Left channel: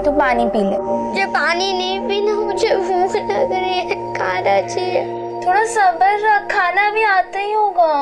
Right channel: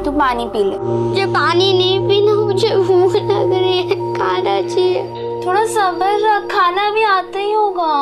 तू पानी पी ले। मुझे पानी नहीं पीना, मुझे भूख लग रही है, खाना चाहिए। थोड़ा सब्र रख, खाना भी आता ही होगा।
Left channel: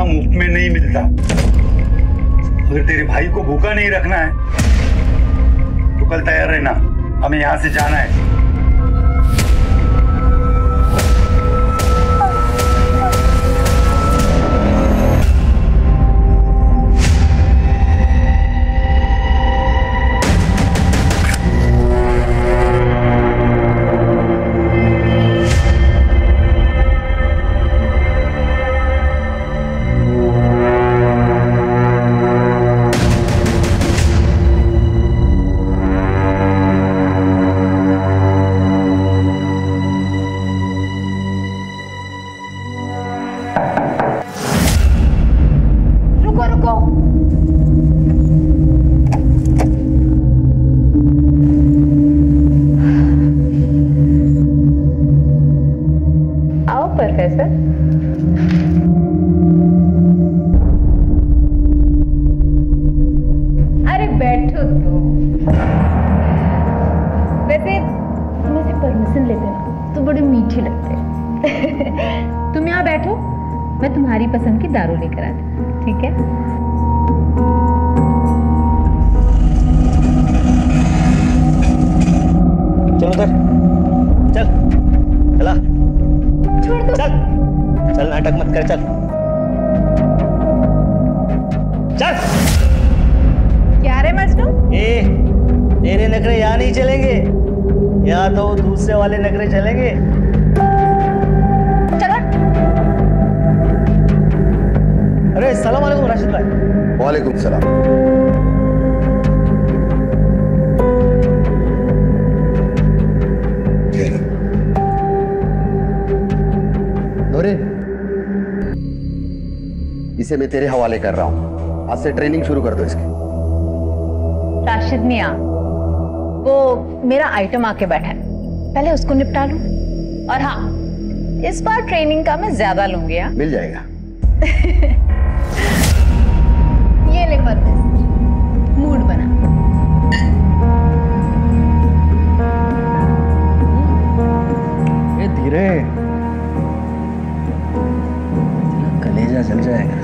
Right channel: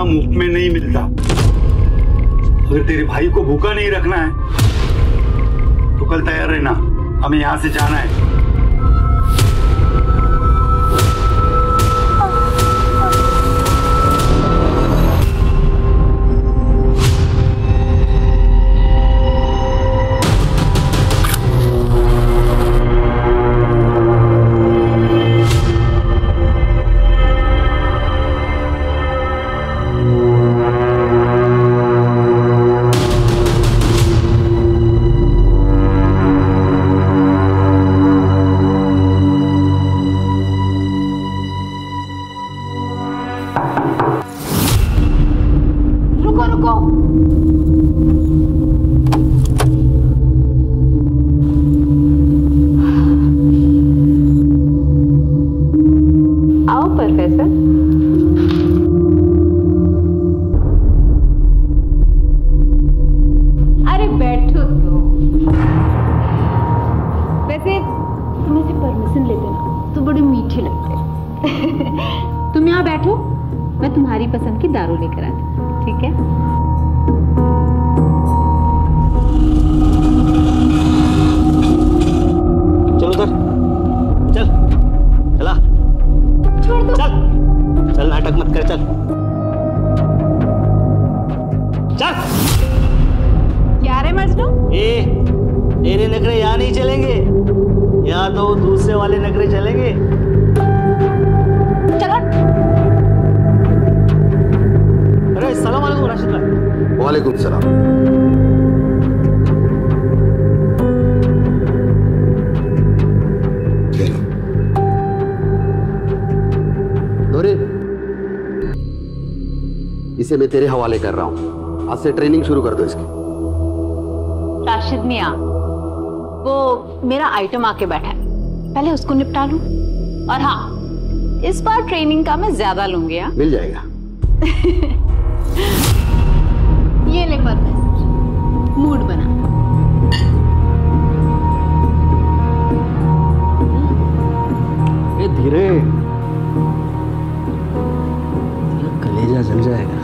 मुफ्त में नहीं मिलता। अगर तेरे भाई को भूखा नहीं रखना है तो कल तैयार रहना, हमें यहाँ से जाना है। आओ प्रोफेसर। अरे बैठो तो। वैसे तुम ऐसे परमिशन लेते ना तो बड़े मीठे लगते। तुम यहाँ बैठो, मैं तुम्हारी पसंद की दारू लेकर आती हूँ, ठीक है? चल उधर, चल चला, छोड़ दो। चल चल, नाटक मत कर, चल चल। क्या रे मजनू? तेरे नखरे यहाँ नहीं चलेंगे, यहाँ तो दूसरे वाले नखरे चलेंगे। चलो। अरे सलाम वालेकुम राशिद भाई। वालेकुम सलाम। नूरिन, इसे मैं तेरे हवाले कर रहा हूं। आज से ट्रेनिंग शुरू कर दो इसकी। राशिद मियां, वो मेरा आइटम आके बैठा है, पहले उसको निपटा लूं। और हाँ, इस बार ट्रेनिंग का मैं ज्यादा लूंगी। हाँ, मिल जाएगा। ये ले परवेज, मूड बना। ये धीरे, कलेजा जल जाएगा।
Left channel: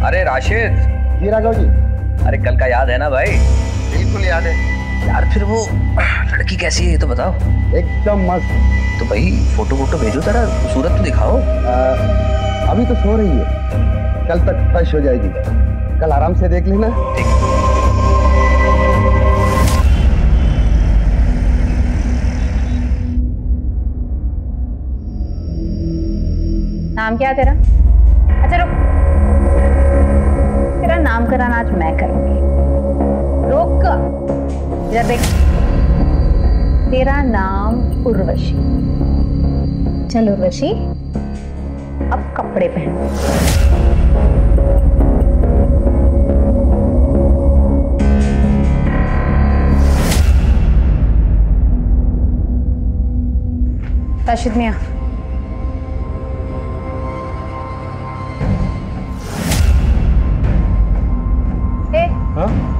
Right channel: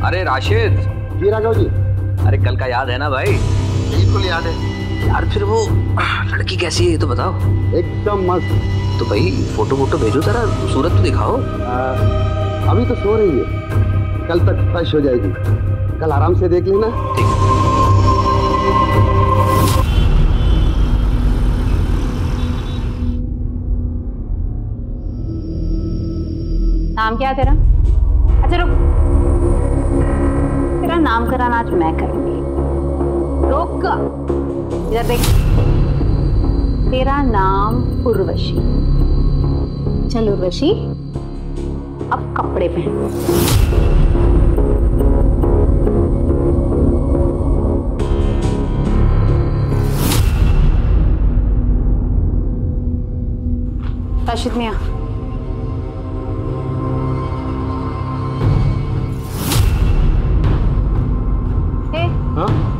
अरे राशिद। जी राघव जी। अरे कल का याद है ना भाई? बिल्कुल याद है यार। फिर वो लड़की कैसी है ये तो बताओ। एकदम मस्त। तो भाई फोटो वोटो भेजो, जरा सूरत तो दिखाओ। अभी तो सो रही है, कल तक फ्रेश हो जाएगी, कल आराम से देख लेना। ठीक। नाम क्या है तेरा? अच्छा रुक, तेरा नामकरण आज मैं करूंगी। रुक, इधर देख। तेरा नाम उर्वशी। चल उर्वशी, अब कपड़े पहन। राशिद मियां,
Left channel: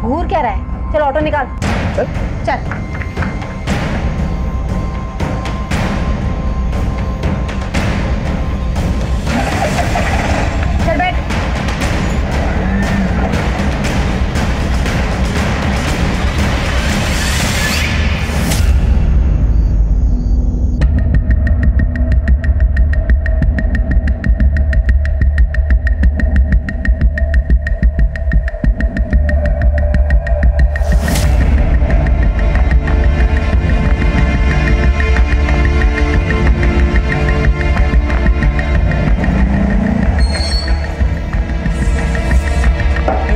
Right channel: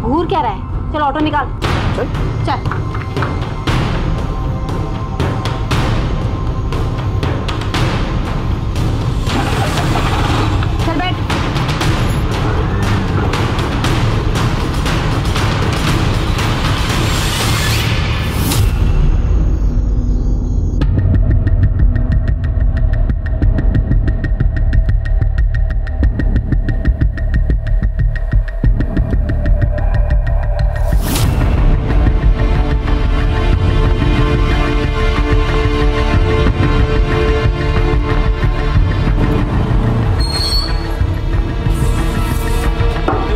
घूर क्या रहा है? चल ऑटो निकाल। चल चल। चल बैठ।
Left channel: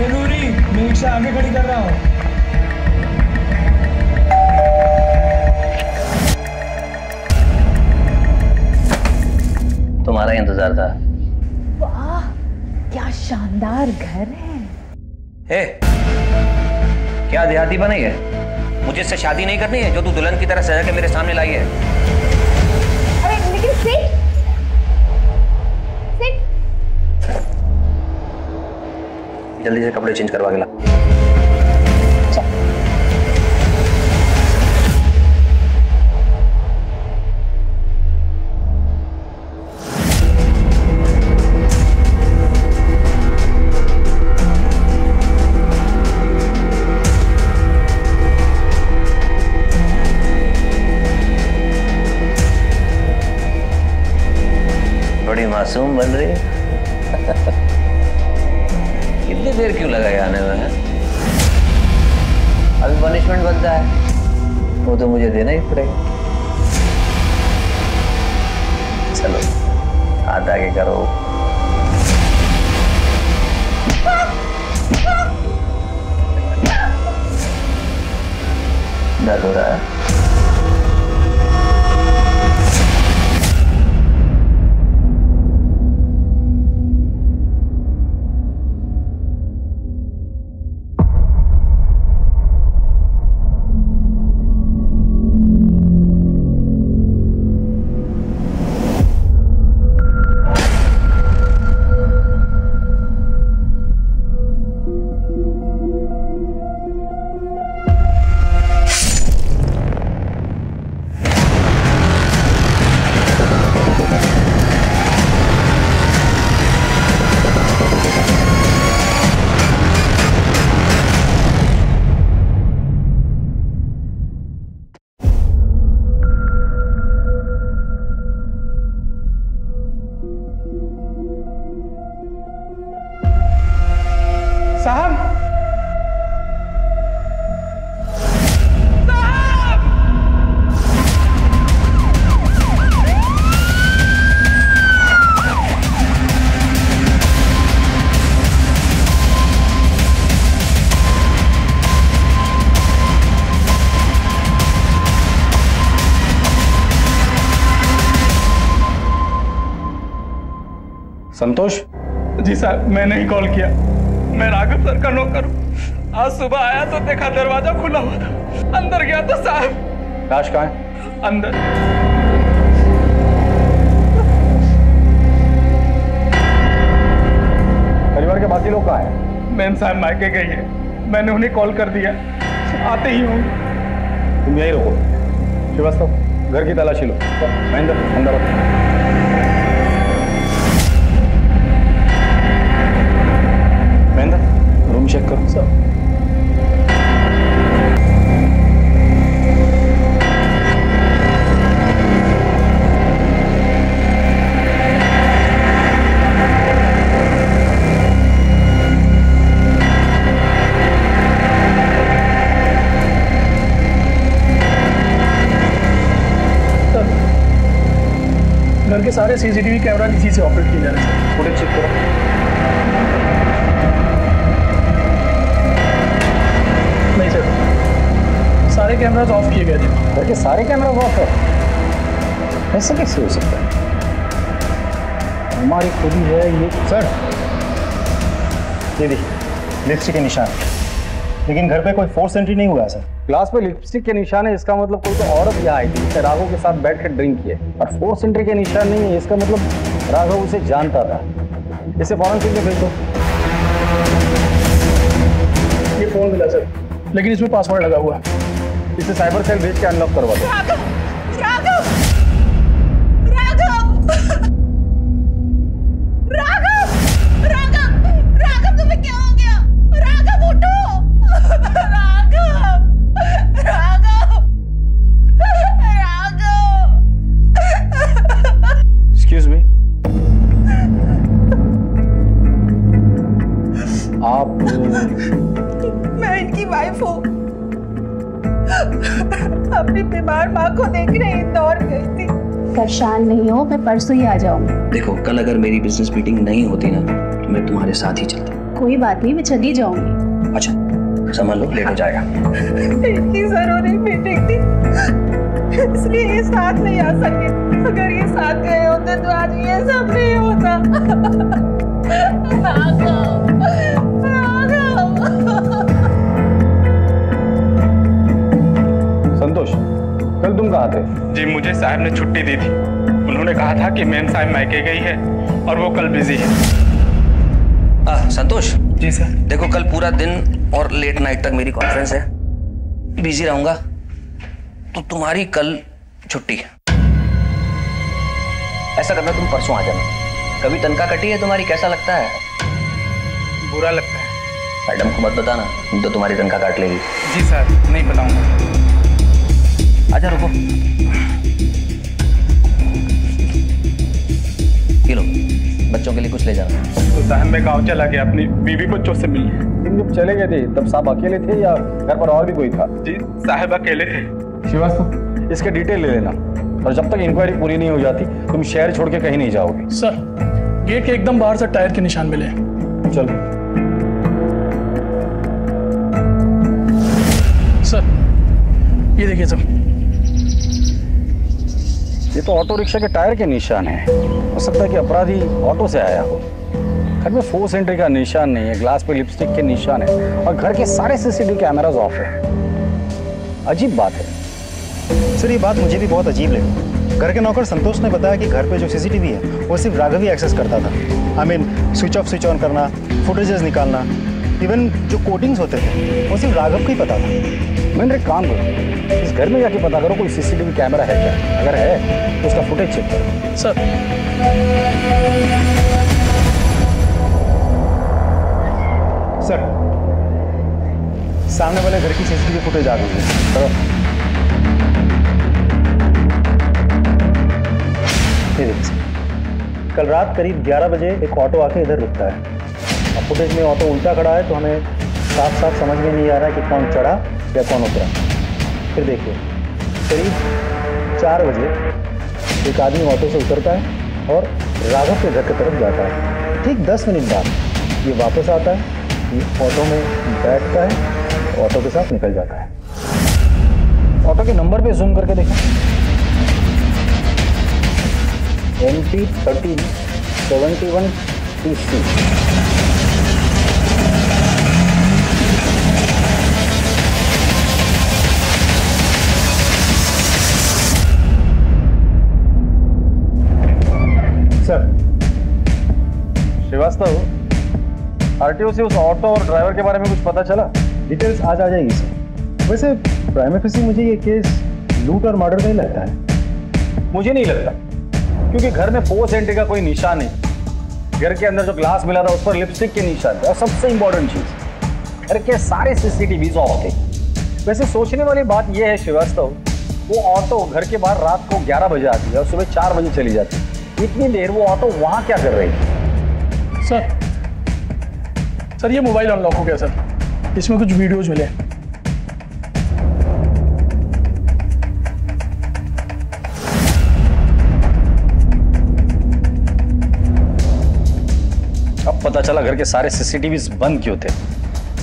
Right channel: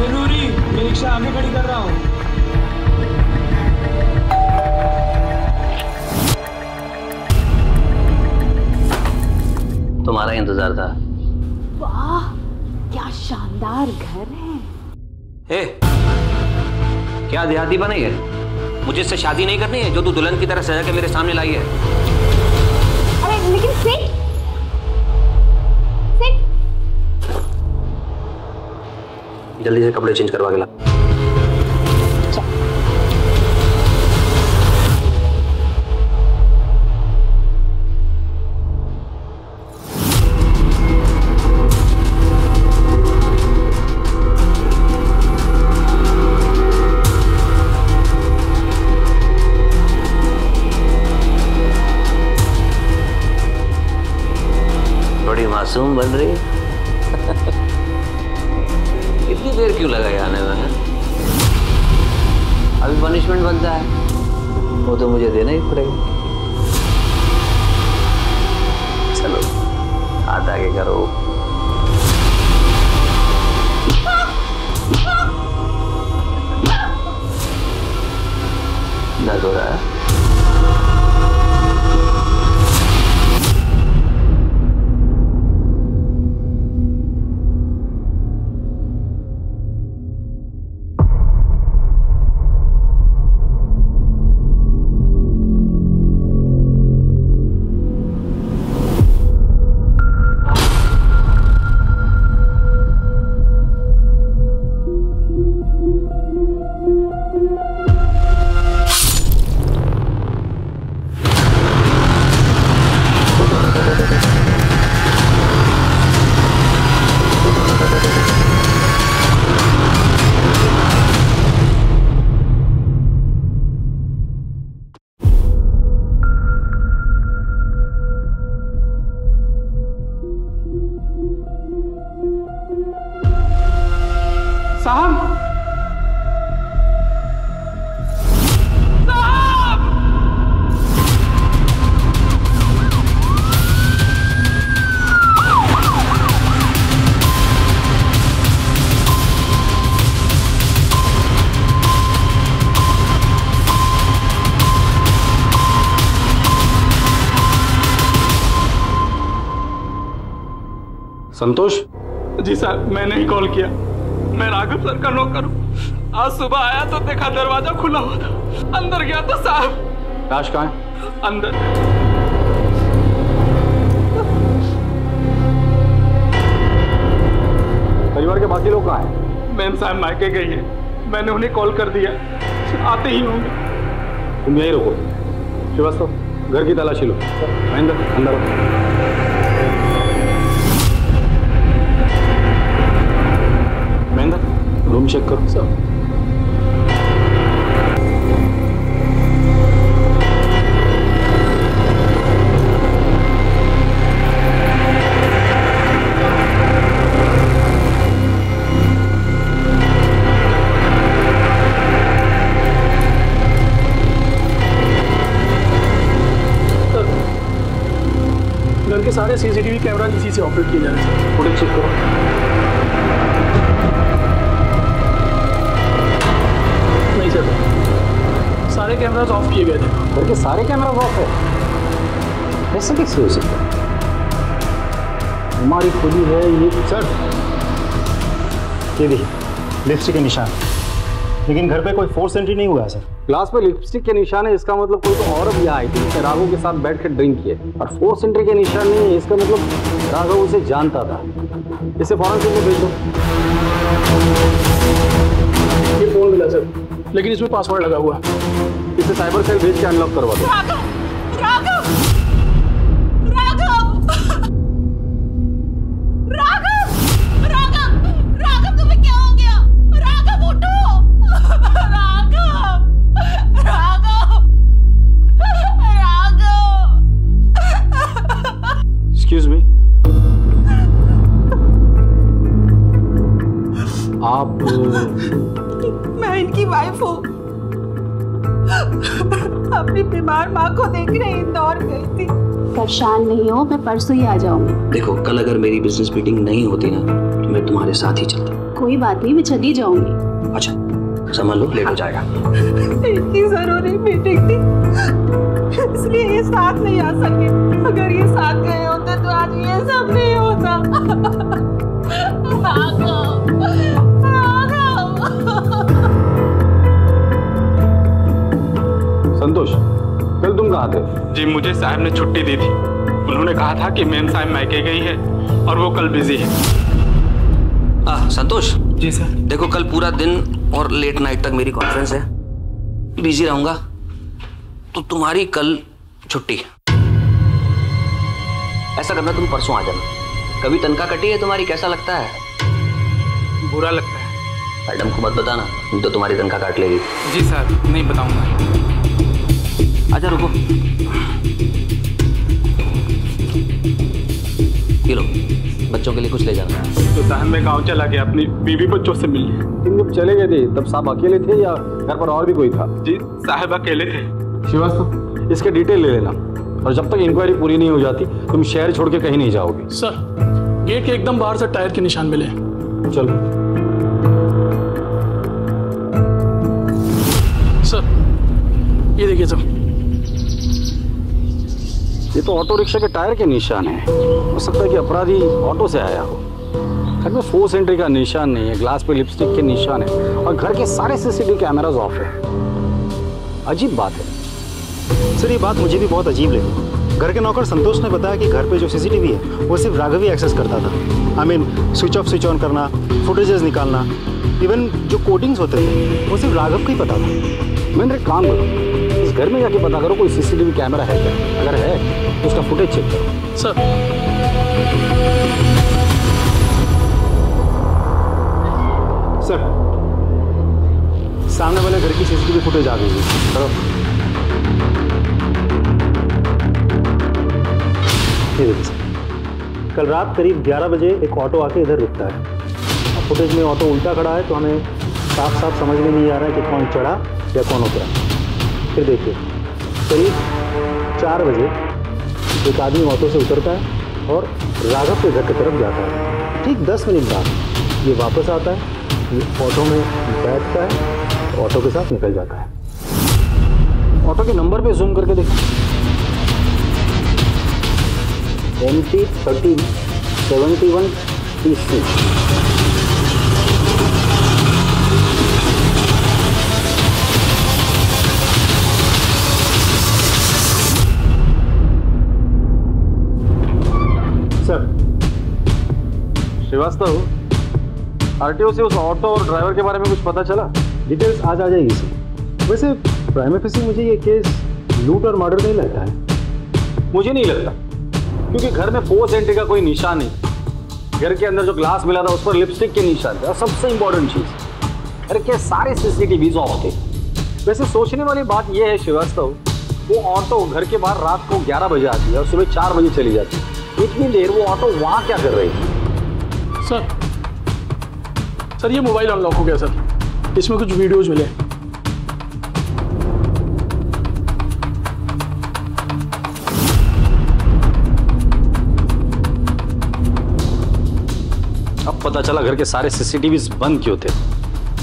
नूरी, मैं रिक्शा आगे खड़ी कर रहा हूँ। तुम्हारा इंतजार था। वाह, क्या शानदार घर है। ए, क्या देहाती बनी है? मुझे इससे शादी नहीं करनी है जो तू दुल्हन की तरह सजा के मेरे सामने लाई है। अरे लेकिन सिट जल्दी से कपड़े चेंज करवा के ला। बड़ी मासूम बन रही। इतनी देर क्यों लगाई आने में? अभी पनिशमेंट बनता है, वो तो मुझे देना ही पड़ेगा। चलो हाथ आगे करो। दर्द हो रहा है? साहब, संतोष? जी साहब, मैंने ही कॉल किया। मैं राघव सर का नौकर हूँ। आज सुबह आया तो देखा दरवाजा खुला हुआ था। अंदर गया तो साहब। लाश कहाँ है? अंदर। परिवार के बाकी लोग कहाँ हैं? मैम साहब मायके गई है, मैंने उन्हें कॉल कर दिया, आते ही होंगे। तुम यही रुको। श्रीवास्तव, घर की तलाशी लो। महेंद्र, अंदर आओ। महेंद्र, रूम चेक करो। सर, घर के सारे सीसीटीवी कैमरा इसी से ऑपरेट किए जा रहे हैं सर। फुटेज चेक करो। नहीं सर, सारे कैमरास ऑफ किए गए थे। घर के सारे कैमरा ऑफ है? ऐसे कैसे हो सकता है? हमारी खुदी है ये। सर, ये देखिए लिपस्टिक के निशान, लेकिन घर पे कोई फोर्स एंट्री नहीं हुआ है सर। ग्लास पे लिपस्टिक के निशान है, इसका मतलब कोई तो औरत यहाँ आई थी जिसने राघव के साथ बैठ कर ड्रिंक किए, और फोर्स एंट्री के निशान नहीं है, इसका मतलब राघव उसे जानता था। इसे फॉरेंसिक में भेज दो। ये फोन मिला सर, लेकिन इसमें पासवर्ड लगा हुआ। इसे साइबर सेल भेज के अनलॉक करवा दो। राघव, राघव, राघव, राघव, राघव, राघव, तुम्हें क्या हो गया? राघव उठो, राघव, राघव, राघव। एक्सक्यूज मी, आप? मैं इनकी वाइफ हूँ। अपनी बीमार माँ को देखने इंदौर गई थी। परेशान नहीं हो, मैं परसों ही आ जाऊंगी। देखो, कल अगर मेरी बिजनेस मीटिंग नहीं होती ना तो मैं तुम्हारे साथ ही चलता। कोई बात नहीं, मैं चली जाऊंगी। अच्छा समझ लो, लेट हो जाएगा। इनकी जरूरी मीटिंग थी, इसलिए ये साथ नहीं आ सके। अगर ये साथ गए होते तो आज ये सब नहीं होता। संतोष, कल तुम कहाँ थे? जी मुझे साहब ने छुट्टी दी थी। उन्होंने कहा था कि मेम साहब मायके गई है और वो कल बिजी है। संतोष जी सर। देखो कल पूरा दिन और लेट नाइट तक मेरी कॉन्फ्रेंस है, बिजी रहूंगा, तो तुम्हारी कल छुट्टी। ऐसा करना, तुम परसों आ जाना। कभी तनख्वाह कटी है तुम्हारी, कैसा लगता है? बुरा लगता है। मैडम को मत बताना, नहीं तो तुम्हारी तनख्वाह काट लेगी। जी सर, नहीं बताऊंगा। आजा, रुको। ये लो, बच्चों के लिए कुछ ले जाना। तो साहब मैं गांव चला गया अपनी बीवी बच्चों से मिलने। तुम जब चले गए थे तब साहब अकेले थे या घर पर और भी कोई था? जी साहब अकेले थे। श्रीवास्तव, इसके डिटेल ले लेना, और जब तक इंक्वायरी पूरी नहीं हो जाती तुम शहर छोड़ के कहीं नहीं जाओगे। सर, गेट के एकदम बाहर से टायर के निशान मिले। चलो। सर, ये देखिए सर, ये तो ऑटो रिक्शा के टायर के निशान है। हो सकता है कि अपराधी ऑटो से आया हो। घर में फोर्स एंट्री का निशान नहीं है, ग्लास पे लिपस्टिक के निशान है, और घर के सारे सीसीटीवी कैमरास ऑफ है। अजीब बात है सर, ये बात मुझे भी बहुत अजीब लगी। घर के नौकर संतोष ने बताया कि घर पे जो सीसीटीवी है वो सिर्फ राघव ही एक्सेस करता था। I mean switch off switch on करना, फुटेजेस निकालना, इवन जो कोडिंग्स होते थे वो सिर्फ राघव को ही पता था। मैंने एक काम करो, इस घर में जाके पता करो कोई सीसीटीवी कैमरा है क्या। अगर है तो उसका फुटेज चेक करो। सर, सर, सामने वाले घर की सीसीटीवी फुटेज आ गई है। चलो, ये देखिए सर, कल रात करीब 11 बजे एक ऑटो आके इधर रुकता है। और फुटेज में ऑटो उल्टा खड़ा है, तो हमें साफ साफ समझ में नहीं आ रहा है कि कौन चढ़ा या कौन उतरा। फिर देखिए, करीब 4 बजे एक आदमी ऑटो से उतरता है और राघव के घर की तरफ जाता है। ठीक 10 मिनट बाद ये वापस आता है, ये ऑटो में बैठता है, ऑटो के साथ निकल जाता है। ऑटो के नंबर पे जूम करके देखो। MP1371 TC। Sir, Srivastava, RTO से उस ऑटो और ड्राइवर के बारे में कुछ पता चला? डिटेल्स आज आ जाएगी सर। वैसे प्राइम फेसी मुझे ये केस लूट और मर्डर नहीं लगता है। मुझे नहीं लगता, क्योंकि घर में फोर्स एंट्री का कोई निशान नहीं। घर के अंदर जो ग्लास मिला था उस पर लिपस्टिक के निशान थे, और सबसे इंपॉर्टेंट चीज, घर के सारे सीसीटीवी ऑफ थे। वैसे सोचने वाली बात यह है श्रीवास्तव, वो ऑटो घर के बाहर रात को 11 बजे आती है और सुबह 4 बजे चली जाती है। इतनी देर वो ऑटो वहां क्या कर रही थी? सर, ये मोबाइल अनलॉक हो गया सर, इसमें कुछ वीडियोज मिले। अब पता चला घर के सारे सीसीटीवी बंद क्यों थे।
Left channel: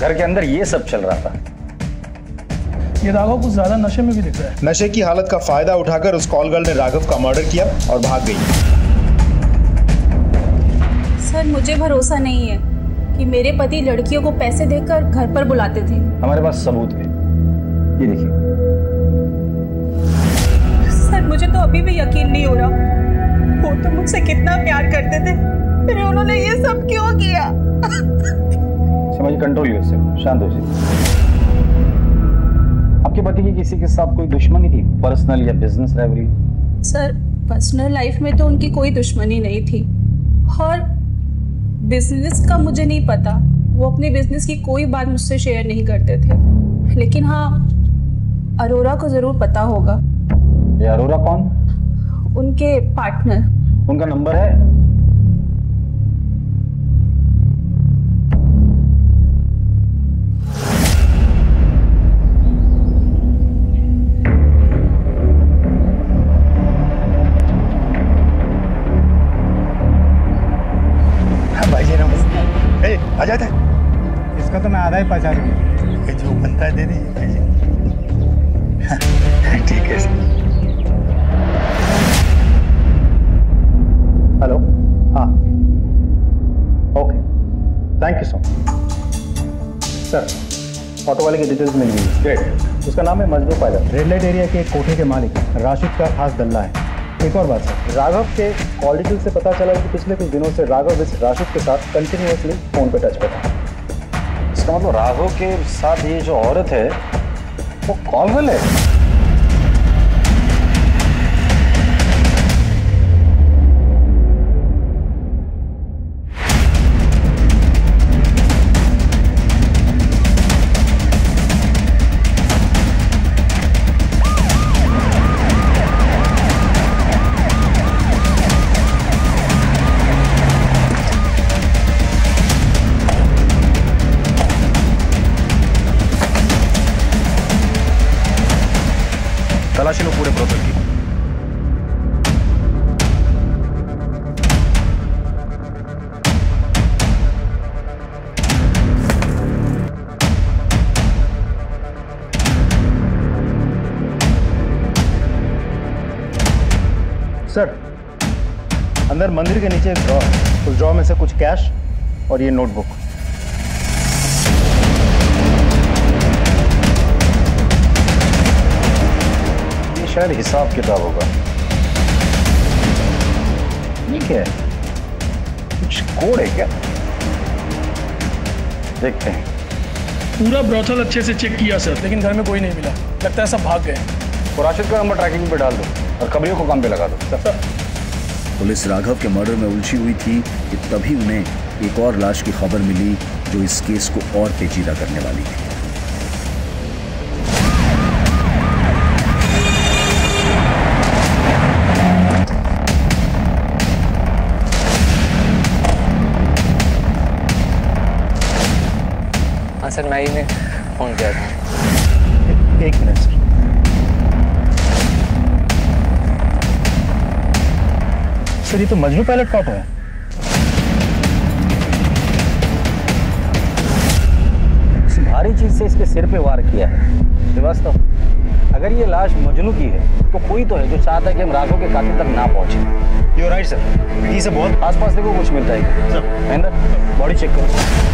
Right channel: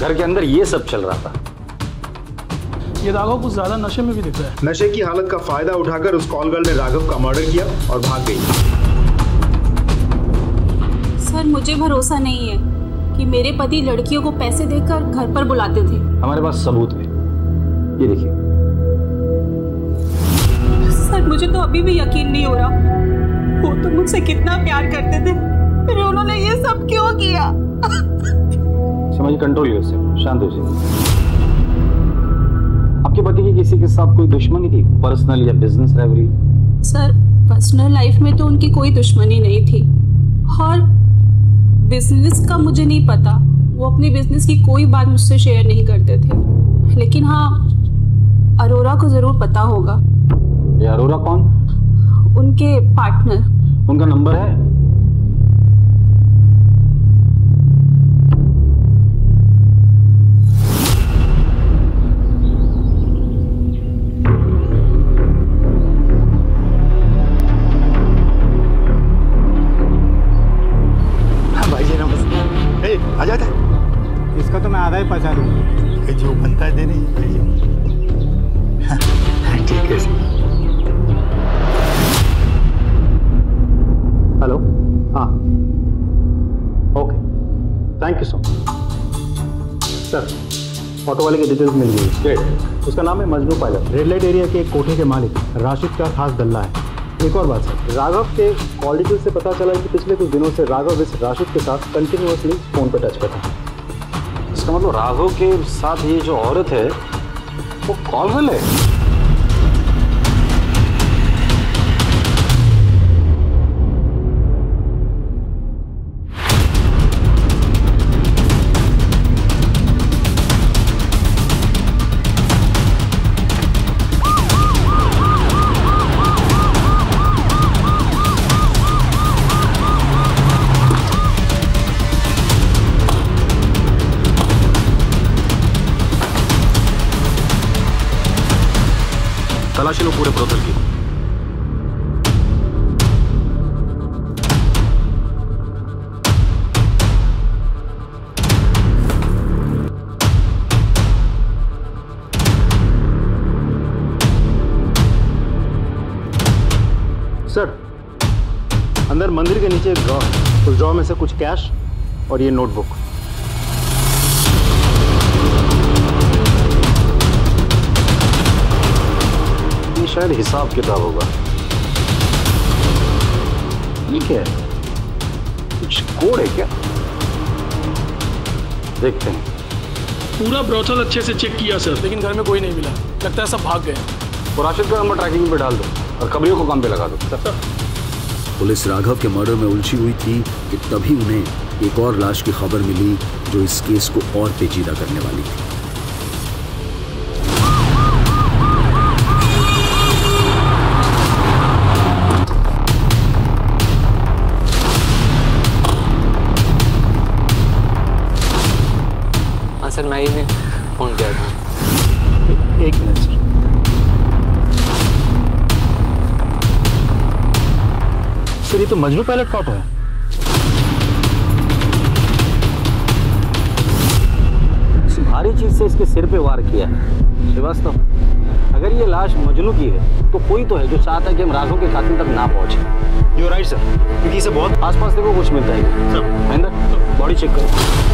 घर के अंदर ये सब चल रहा था। ये राघव कुछ ज्यादा नशे में भी दिख रहा है। नशे की हालत का फायदा उठाकर उस कॉल गर्ल ने राघव का मर्डर किया और भाग गई। सर, मुझे भरोसा नहीं है कि मेरे पति लड़कियों को पैसे देकर घर पर बुलाते थे। हमारे पास सबूत है, ये देखिए। सर, मुझे तो अभी भी यकीन नहीं हो रहा। वो तो मुझसे कितना प्यार करते थे, फिर उन्होंने ये सब क्यों किया? समझ, कंट्रोल उससे, शांत हो जाइए। आपके पति की किसी के साथ कोई दुश्मनी थी, पर्सनल या business rivalry? Sir, personal life में तो उनकी कोई दुश्मनी नहीं थी, और बिजनेस का मुझे नहीं पता। वो अपने बिजनेस की कोई बात मुझसे शेयर नहीं करते थे। लेकिन हाँ, अरोरा को जरूर पता होगा। ये अरोरा कौन? उनके पार्टनर। उनका नंबर है? भाई जी नमस्ते। आ जाता है। इसका तो मैं आधा ही पचा दूंगा। ये जो बनता है दे दीजिए भाई जी। ठीक है सर। हेलो, हाँ, okay, thank you so much. Sir, auto वाले की डिटेल्स मिल गई। ग्रेट। उसका नाम है Majnu pilot, red light area के एक कोठे के मालिक राशिद का खास दल्ला है। एक और बात सर, राघव के कॉल डिटेल से पता चला कि पिछले कुछ दिनों से राघव इस राशिद के साथ कंटिन्यूअसली फोन पे टच पे था। इसका मतलब राघव के साथ ये जो औरत है वो कॉल गर्ल है। तलाशी लो पूरे ब्रोथल की। सर, अंदर मंदिर के नीचे एक ड्रॉर, उस ड्रॉर में से कुछ कैश और ये नोटबुक। ये शायद हिसाब किताब होगा। ये क्या है? कुछ कोड है क्या? देखते हैं। पूरा ब्रोथल अच्छे से चेक किया सर, लेकिन घर में कोई नहीं मिला। लगता है सब भाग गए। तो राशिद का नंबर ट्रैकिंग पे डाल दो और खबरियों को काम पे लगा दो। सर। पुलिस राघव के मर्डर में उलझी हुई थी कि तभी उन्हें एक और लाश की खबर मिली जो इस केस को और पेचीदा करने वाली थी। सर, मैं ही ने फोन किया था। एक मिनट सर। सर, ये तो मजनू पायलट का ऑटो है। इस भारी चीज से इसके सिर पे वार किया है। श्रीवास्तव, अगर ये लाश मजनू की है तो कोई तो है जो चाहता है कि हम राघव के कातिल तक ना पहुंचे। यू राइट सर, क्योंकि इसे बहुत आसपास देखो कुछ मिलता है क्या? सर, महेंद्र, बॉडी चेक करो।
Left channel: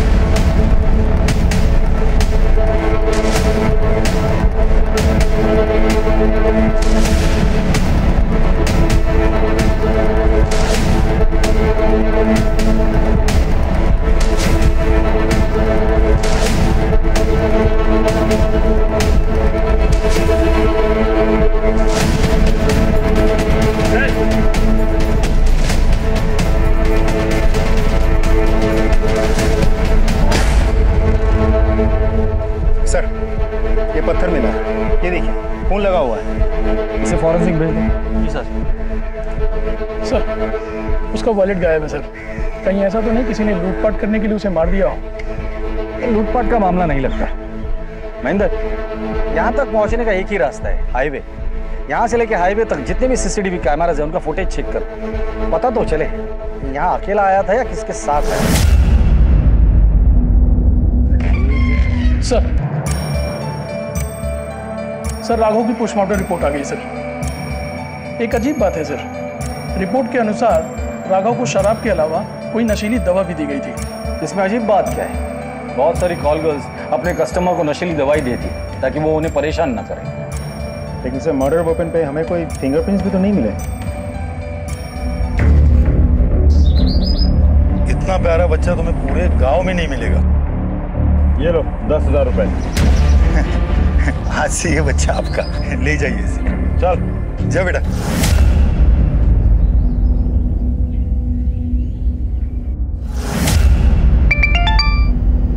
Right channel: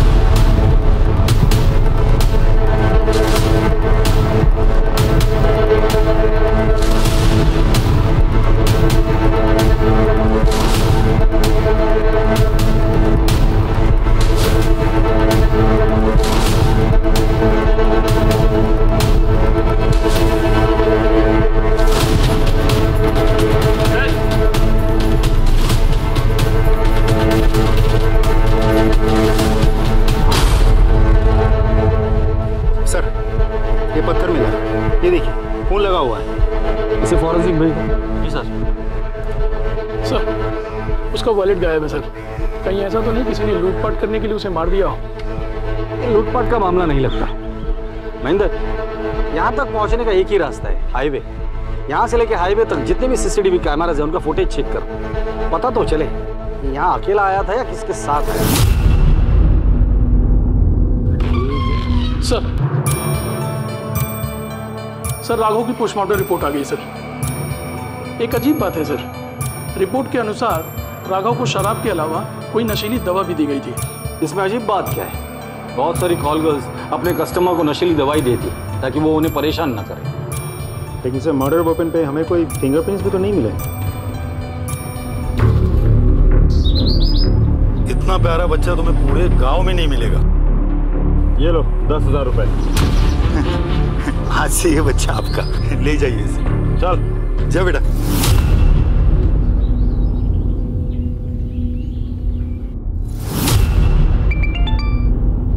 ये पत्थर मिला, ये देखिए खून लगा हुआ है। इसे फॉरेंसिक भेज दो। जी सर। सर, उसका वॉलेट गायब है सर। कहीं ऐसा तो नहीं किसी ने लूटपाट करने के लिए उसे मार दिया हो? ये लूटपाट का मामला नहीं लगता। महेंद्र, यहाँ तक पहुँचने का एक ही रास्ता है, हाईवे। यहाँ से लेके हाईवे तक जितने भी सीसीटीवी कैमराज है उनका फुटेज चेक करो, पता तो चले यहाँ अकेला आया था या किसके साथ आया। सर, राघव की पोस्टमार्टम रिपोर्ट आ गई सर। एक अजीब बात है सर, रिपोर्ट के अनुसार राघव को शराब के अलावा कोई नशीली दवा भी दी गई थी। इसमें अजीब बात क्या है? बहुत सारी कॉल गर्ल्स अपने कस्टमर को नशीली दवाई देती है ताकि वो उन्हें परेशान ना करे। लेकिन सर, मर्डर वेपन पे हमें कोई फिंगरप्रिंट्स भी तो नहीं मिले। इतना प्यारा बच्चा तुम्हें पूरे गांव में नहीं मिलेगा। ये लो 10,000 रुपए। आज से ये बच्चा आपका, ले जाइए इसे। चल जा बेटा।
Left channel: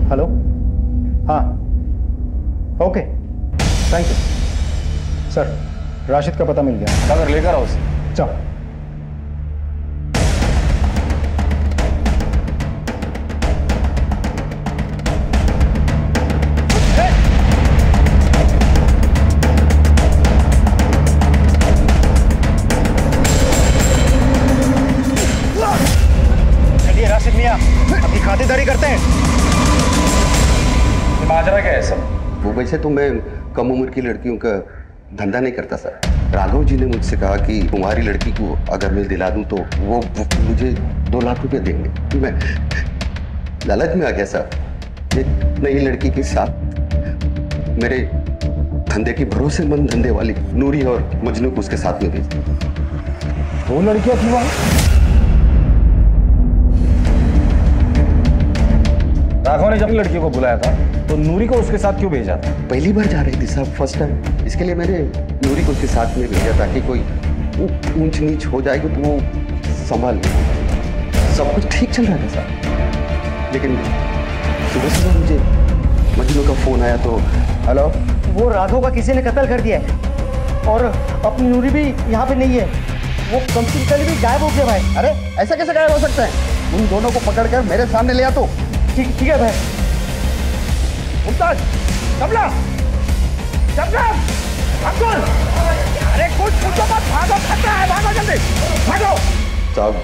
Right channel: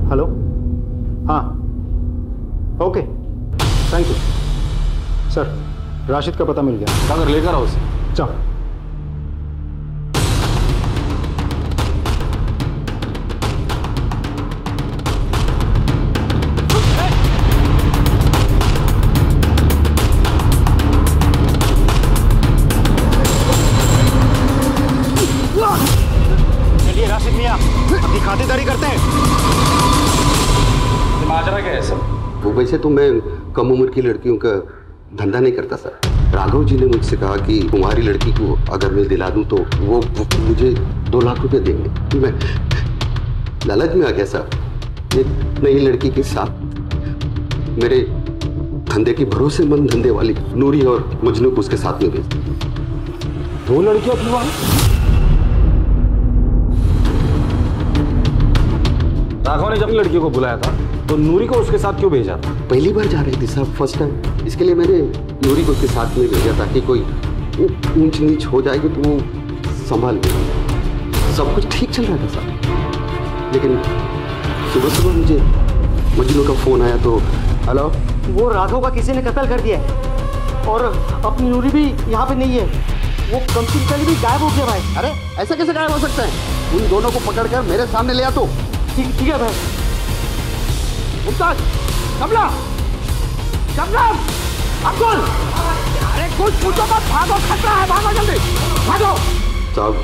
हेलो, हाँ, okay, thank you sir. Rashid का पता मिल गया। अगर लेकर आओ उसे। चल। चलिए राशिद मियां, अपनी खातिरदारी करते हैं। माजरा क्या है सब? वो वैसे तो मैं कम उम्र की लड़कियों का धंधा नहीं करता सर। राघव जी ने मुझसे कहा कि तुम्हारी लड़की को अगर मैं दिला दूं तो वो मुझे 2 लाख रुपए देंगे। मैं लालच में आ गया सर। एक नई लड़की के साथ मेरे धंधे की भरोसेमंद धंधे वाली नूरी और मजनू को उसके साथ में भेज दी। 2 लड़कियां थी वहां? राघव ने जब लड़कियों को बुलाया था तो नूरी को उसके साथ क्यों भेजा था? पहली बार जा रही थी साहब, फर्स्ट टाइम। इसके लिए मैंने नूरी को उसके साथ में भेजा ताकि कोई ऊंच नीच हो जाएगी तो वो संभाल ले। सब कुछ ठीक चल रहा था साहब, लेकिन सुबह सुबह मुझे मजनू का फोन आया तो हेलो, वो राघव का किसी ने कत्ल कर दिया है और अपनी नूरी भी यहाँ पे नहीं है। वो कंप्यूटर भी गायब हो गया भाई। अरे ऐसा कैसे गायब हो सकता है? उन दोनों को पकड़कर मेरे सामने ले आ तो। ठीक है भाई। मुमताज, कमला, शबनम, अब्दुल, अरे कुछ पूछो मत, भागो, खतरा है, भागो जल्दी, भागो। साहब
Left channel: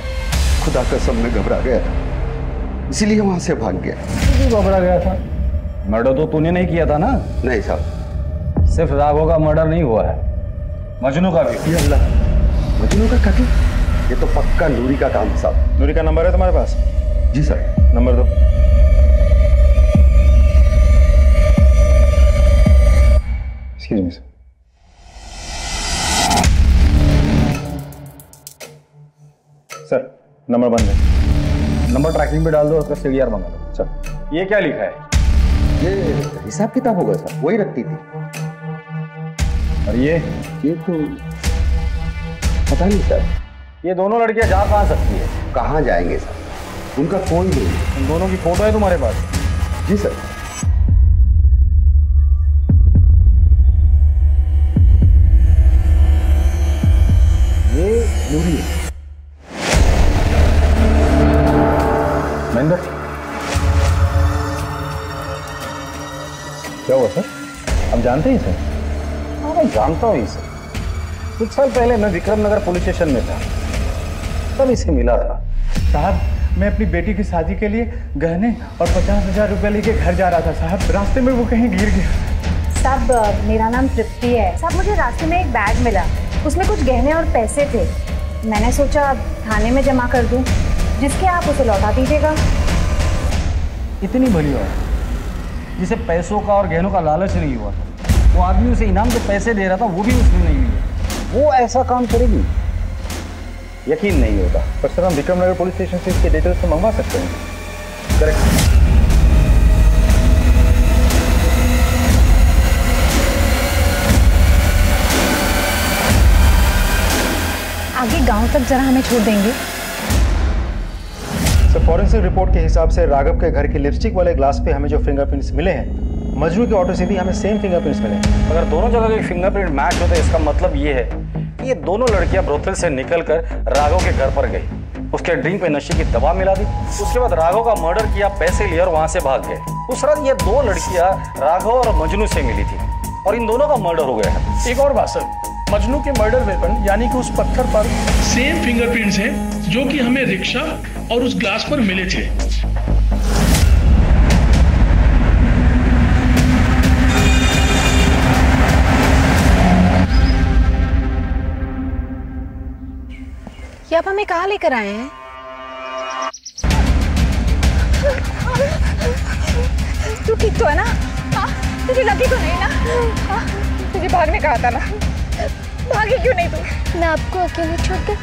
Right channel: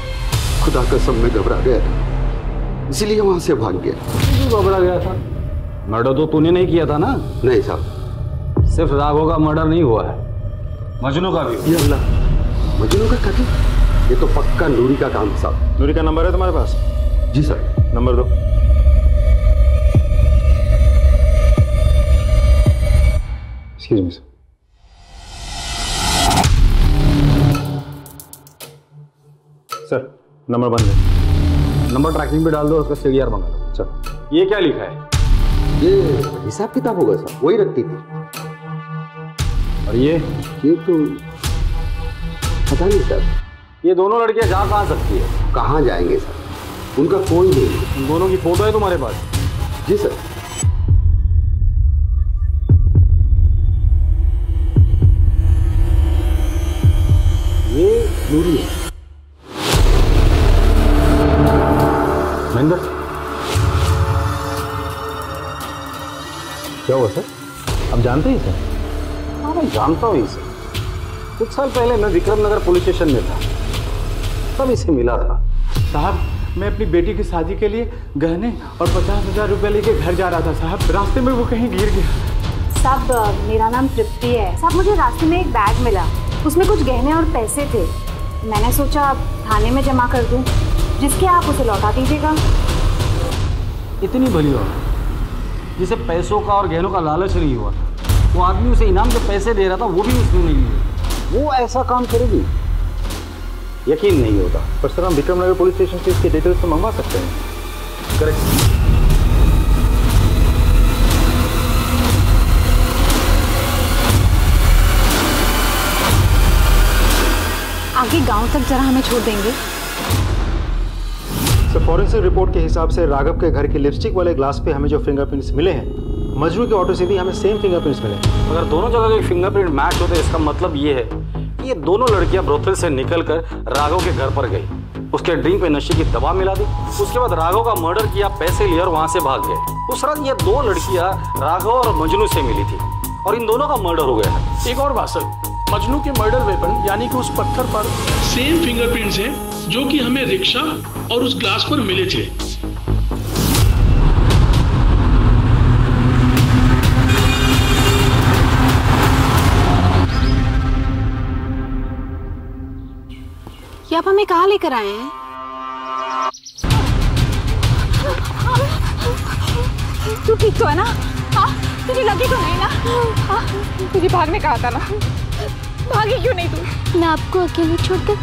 खुदा कसम में घबरा गया था, इसीलिए वहां से भाग गया। क्यों घबरा गया था? मर्डर तो तूने नहीं किया था ना? नहीं साहब। सिर्फ राघव का मर्डर नहीं हुआ है, मजनू का भी। ये अल्लाह, मजनू का कत्ल? ये तो पक्का नूरी का काम है साहब। नूरी का नंबर है तुम्हारे पास? जी सर। नंबर दो। एक्सक्यूज मी सर, नंबर बंद है। नंबर ट्रैकिंग पे डाल दो, उसका सीडीआर मंगा लो। सर ये क्या लिखा है? ये हिसाब किताब होगा सर, वही रखती थी। और ये तो पता नहीं सर। ये दोनों लड़कियां जा कहां सकती है? कहां जाएंगे सर, उनका कोई नहीं। उन दोनों की फोटो है तुम्हारे पास? जी सर। ये नूरी है। महेंद्र क्या हुआ सर? आप जानते हैं इसे? हाँ मैं जानता हूँ इसे। कुछ साल पहले मैं विक्रमनगर पुलिस स्टेशन में था, तब इसे मिला था। साहब मैं अपनी बेटी की शादी के लिए गहने और 50,000 रुपए लेके घर जा रहा था साहब, रास्ते में वो कहीं गिर गया। साहब मेरा नाम तृप्ति है। साहब मुझे रास्ते में एक बैग मिला, उसमें कुछ गहने और पैसे थे। मैंने सोचा थाने में जमा कर दूं, जिसके आप उसे लौटा दीजिएगा। इतनी भली औरत जिसे पैसों का और गहनों का लालच नहीं हुआ था, वो आदमी उसे इनाम के पैसे दे रहा था, वो भी उसने नहीं लिए। वो ऐसा काम करेगी? यकीन नहीं होता। पर सर हम विक्रमनगर पुलिस स्टेशन से इसके डिटेल्स तो मंगवा सकते हैं। करेक्ट। आगे गांव तक जरा हमें छोड़ देंगे? सर फॉरेंसिक रिपोर्ट के हिसाब से राघव के घर के लिपस्टिक वाले ग्लास पे हमें जो फिंगरप्रिंट्स मिले हैं, मजनू के ऑटो से भी हमें सेम फिंगरप्रिंट्स मिले हैं। अगर दोनों जगह के फिंगरप्रिंट मैच होते, इसका मतलब ये है कि ये दोनों लड़कियां ब्रोथल से निकलकर राघव के घर पर गई, उसके ड्रिंक पे नशे की दवा मिला दी, उसके बाद राघव का मर्डर किया, पैसे लिए और वहां से भाग गए। उस रात ये 2 लड़कियां राघव और मजनू से मिली थी और इन दोनों का मर्डर हो गया है। एक और बात सर, मजनू के मर्डर वेपन यानी कि उस पत्थर पर सेम फिंगरप्रिंट्स हैं जो कि हमें रिक्शा और उस ग्लास पर मिले थे। ये आप हमें कहाँ लेकर आए हैं? तू ठीक तो है ना? हाँ, तुझे लगी तो नहीं ना? हाँ, तुझे भागने कहा था ना? भागी क्यों नहीं तू? मैं आपको अकेले छोड़कर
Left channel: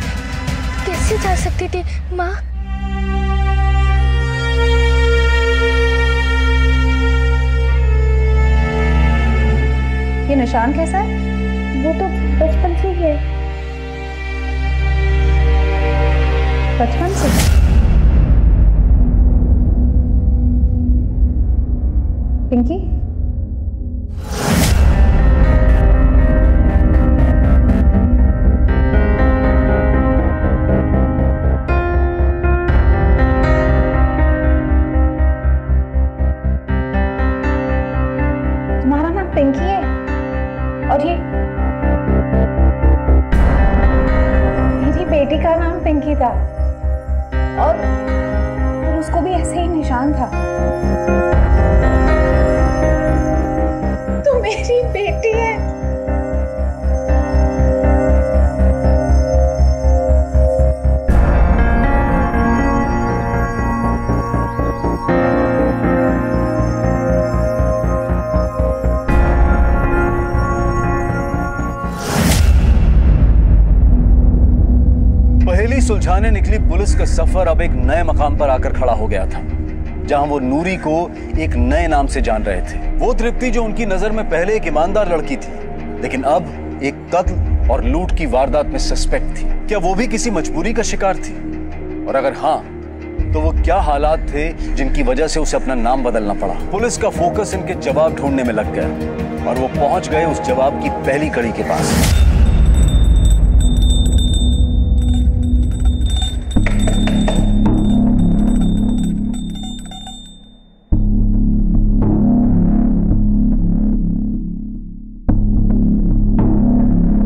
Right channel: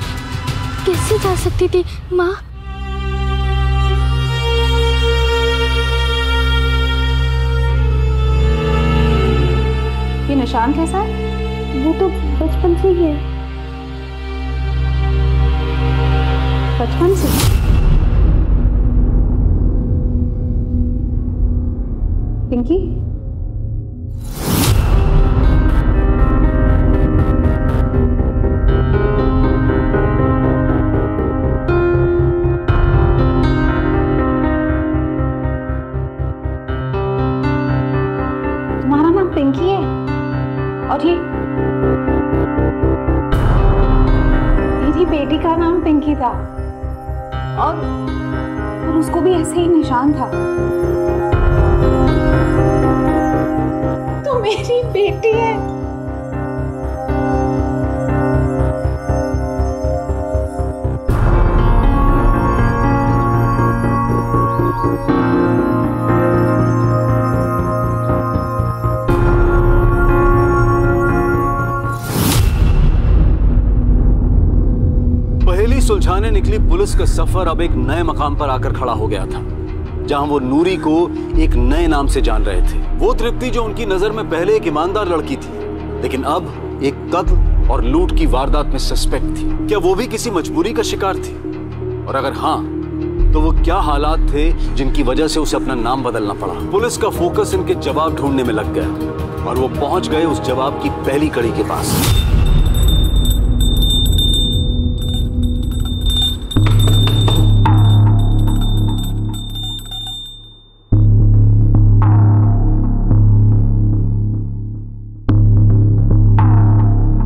कैसे जा सकती थी माँ? ये निशान कैसा है? वो तो बचपन से ही है। बचपन से? पिंकी? तुम्हारा नाम पिंकी है और ये मेरी बेटी का नाम पिंकी था और उसको भी ऐसे ही निशान था। मेरी बेटी है। पहेली सुलझाने निकली पुलिस का सफर अब एक नए मकाम पर आकर खड़ा हो गया था, जहां वो नूरी को एक नए नाम से जान रहे थे। वो तृप्ति जो उनकी नजर में पहले एक ईमानदार लड़की थी, लेकिन अब एक कत्ल और लूट की वारदात में सस्पेक्ट थी। क्या वो भी किसी मजबूरी का शिकार थी? और अगर हाँ, तो वो क्या हालात थे जिनकी वजह से उसे अपना नाम बदलना पड़ा? पुलिस का फोकस इनके जवाब ढूंढने में लग गया और वो पहुंच गए उस जवाब की पहली कड़ी के पास।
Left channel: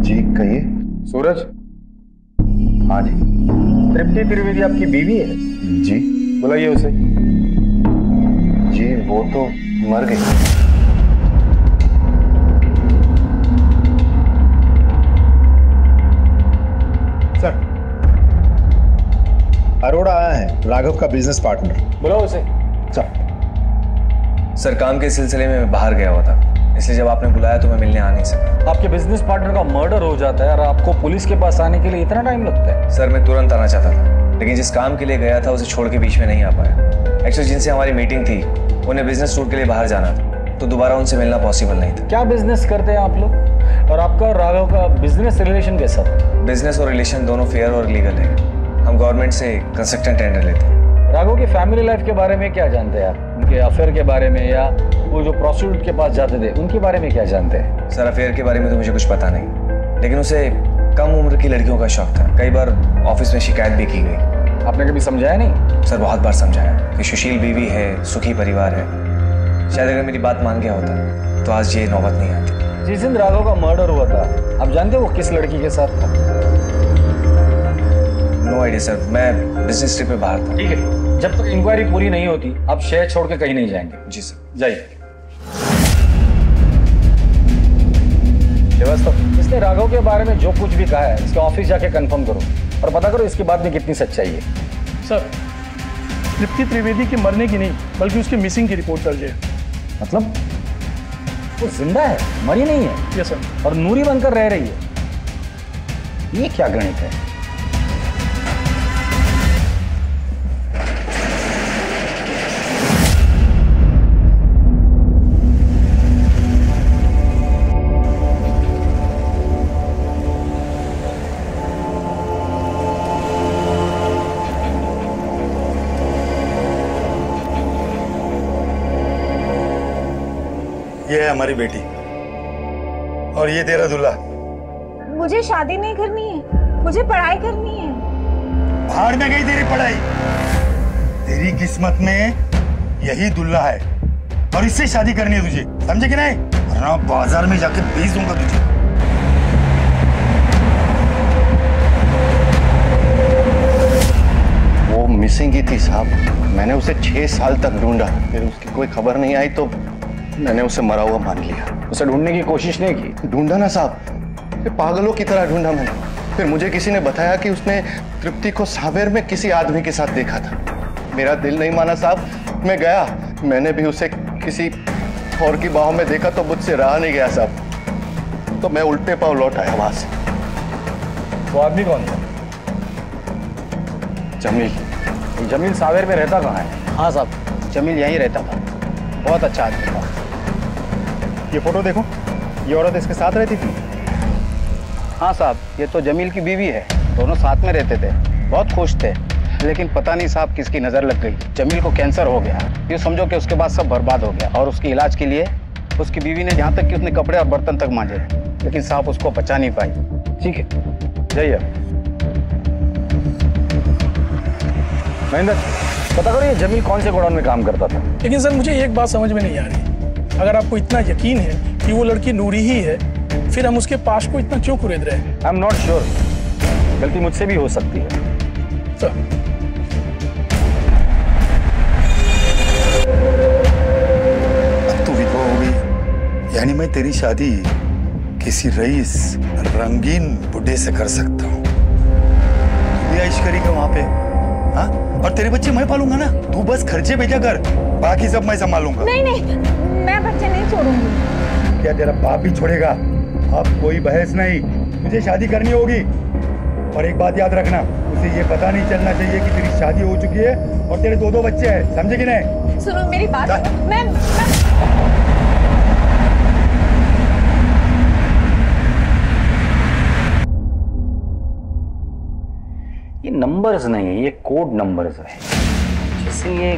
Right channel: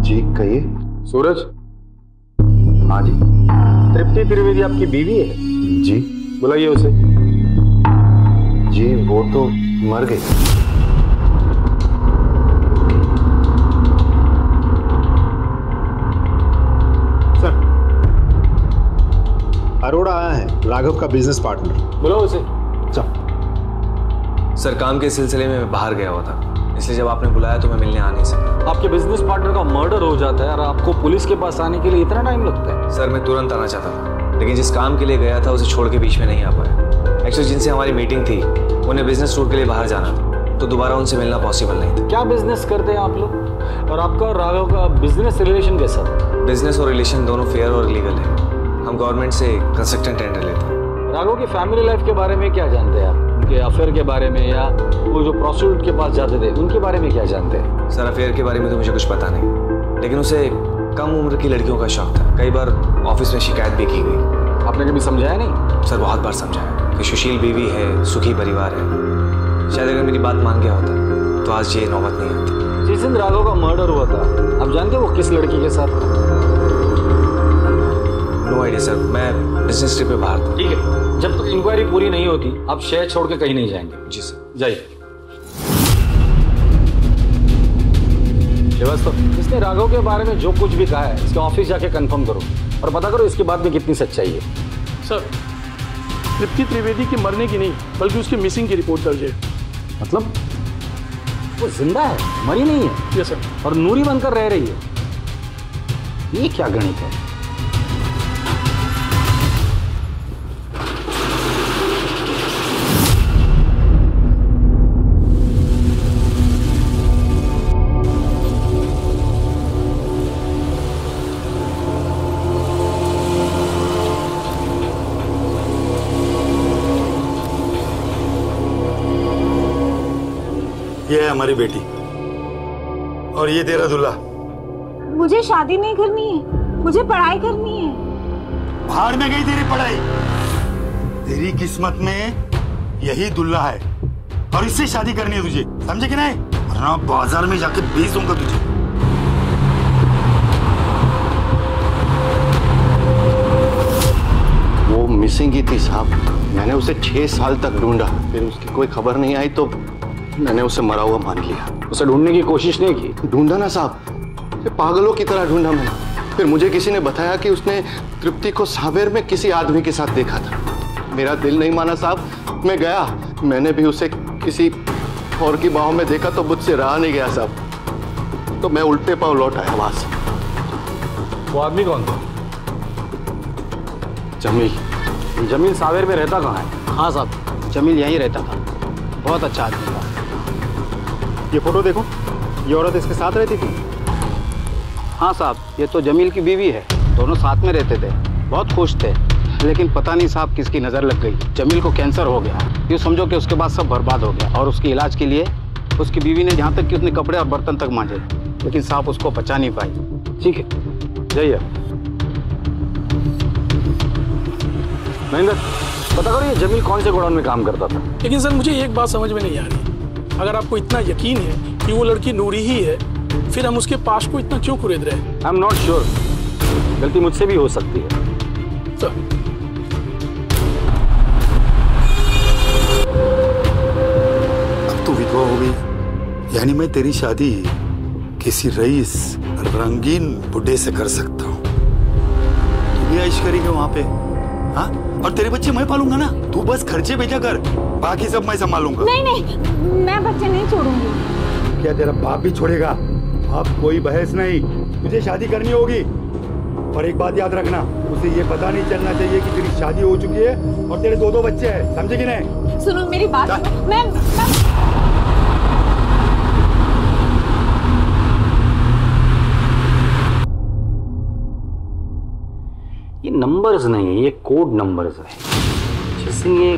जी कहिए। सूरज। हाँ जी। तृप्ति त्रिवेदी आपकी बीवी है? जी। बुलाइए उसे। जी वो तो मर गई। सर, अरोड़ा आया है, राघव का बिजनेस पार्टनर। बुलाओ उसे। सर, काम के सिलसिले में मैं बाहर गया हुआ था, इसलिए जब आपने बुलाया तो मैं मिलने आ नहीं सका। आपके बिजनेस पार्टनर का मर्डर हो जाता है और आपको पुलिस के पास आने के लिए इतना टाइम लगता है? सर, मैं तुरंत आना चाहता था, लेकिन जिस काम के लिए गया था उसे छोड़ के बीच में नहीं आ पाया। एक्चुअली जिनसे हमारी मीटिंग थी उन्हें बिजनेस टूर के लिए बाहर जाना था, तो दोबारा उनसे मिलना पॉसिबल नहीं था। क्या बिजनेस करते हैं आप लोग? और आपका और राघव का बिजनेस रिलेशन कैसा था? बिजनेस और रिलेशन दोनों फेयर और लीगल है। हम गवर्नमेंट से कंस्ट्रक्शन टेंडर लेते हैं। राघव की फैमिली लाइफ के बारे में क्या जानते हैं आप? उनके अफेयर के बारे में, या वो जो प्रोस्टिट्यूट के पास जाते थे उनके बारे में क्या जानते हैं? सर, अफेयर के बारे में तो मुझे कुछ पता नहीं, लेकिन उसे कम उम्र की लड़कियों का शौक था। कई बार ऑफिस में शिकायत भी की गई। आपने कभी समझाया नहीं? सर, बहुत बार समझाया कि सुशील बीवी है, सुखी परिवार है। शायद अगर मेरी बात मान गया होता तो आज ये नौबत नहीं आती। जिस दिन राघव का मर्डर हुआ था, आप जानते हो वो किस लड़की के साथ था? नो आइडिया सर, मैं बिजनेस ट्रिप पे बाहर था। ठीक है, जब तक इंक्वायरी पूरी नहीं होती आप शहर छोड़ के कहीं नहीं जाएंगे। जी सर। जाइए। श्रीवास्तव, इसने राघव के बारे में जो कुछ भी कहा है इसके ऑफिस जाके कंफर्म करो और पता करो इसकी बात में कितनी सच्चाई है। सर, तृप्ति त्रिवेदी के मरने की नहीं बल्कि उसके मिसिंग की रिपोर्ट दर्ज है। मतलब वो जिंदा है, मरी नहीं है? Yes sir. और नूरी बनकर रह रही है? ये क्या गणित है? ये है हमारी बेटी और ये तेरा दूल्हा। मुझे शादी नहीं करनी है, मुझे पढ़ाई करनी है। भाड़ में गई तेरी पढ़ाई। तेरी किस्मत में यही दूल्हा है और इससे शादी करनी है तुझे, समझे कि नहीं? वरना बाजार में जाके बेच दूंगा तुझे। वो मिसिंग ही थी साहब। मैंने उसे 6 साल तक ढूंढा, फिर उसकी कोई खबर नहीं आई तो मैंने उसे मरा हुआ मान लिया। उसे ढूंढने की कोशिश नहीं की? ढूंढा ना साहब, पागलों की तरह ढूंढा मैंने। फिर मुझे किसी ने बताया कि उसने तृप्ति को सावेर में किसी आदमी के साथ देखा था। मेरा दिल नहीं माना साहब, मैं गया। मैंने भी उसे किसी और की बाहों में देखा तो मुझसे रहा नहीं गया साहब, तो मैं उल्टे पांव लौट आया वहां से। वो आदमी कौन था? जमील। जमील सावेर में रहता कहाँ है? हाँ साहब, जमील यहीं रहता था, बहुत अच्छा आदमी था। ये फोटो देखो, ये औरत इसके साथ रहती थी। हाँ साहब, ये तो जमील की बीवी है, दोनों साथ में रहते थे, बहुत खुश थे। लेकिन पता नहीं साहब किसकी नज़र लग गई, जमील को कैंसर हो गया। ये समझो कि उसके बाद सब बर्बाद हो गया। और उसके इलाज के लिए उसकी बीवी ने यहाँ तक कि उसने कपड़े और बर्तन तक मांजे, लेकिन साहब उसको बचा नहीं पाई। ठीक है, जाइए। महेंद्र, पता करो ये जमील कौन से गोडाउन में काम करता था? लेकिन सर मुझे एक बात समझ में नहीं आ रही, अगर आपको इतना यकीन है कि वो लड़की नूरी ही है, फिर हम उसके पास को इतना क्यों कुरेद रहे हैं? आई एम नॉट श्योर, गलती मुझसे भी हो सकती है। सर, अब तू विधवा हो गई, यानी मैं तेरी शादी किसी रईस रंगीन बुड्ढे से कर सकता हूँ। तू भी ऐश करेगी वहां पे, हाँ? और तेरे बच्चे मैं पालूंगा ना, तू बस खर्चे भेजा कर, बाकी सब मैं संभालूंगा। नहीं नहीं, मैं बच्चे नहीं छोड़ूंगी। क्या तेरा बाप भी छोड़ेगा? अब कोई बहस नहीं, तुझे शादी करनी होगी। और एक बात याद रखना, उसे ये पता नहीं चलना चाहिए कि तेरी शादी हो चुकी है और तेरे दो बच्चे हैं, समझे कि नहीं? सुनो मेरी बात, मैं ये नंबर्स नहीं है, ये कोड नंबर्स है। जिस दिन ये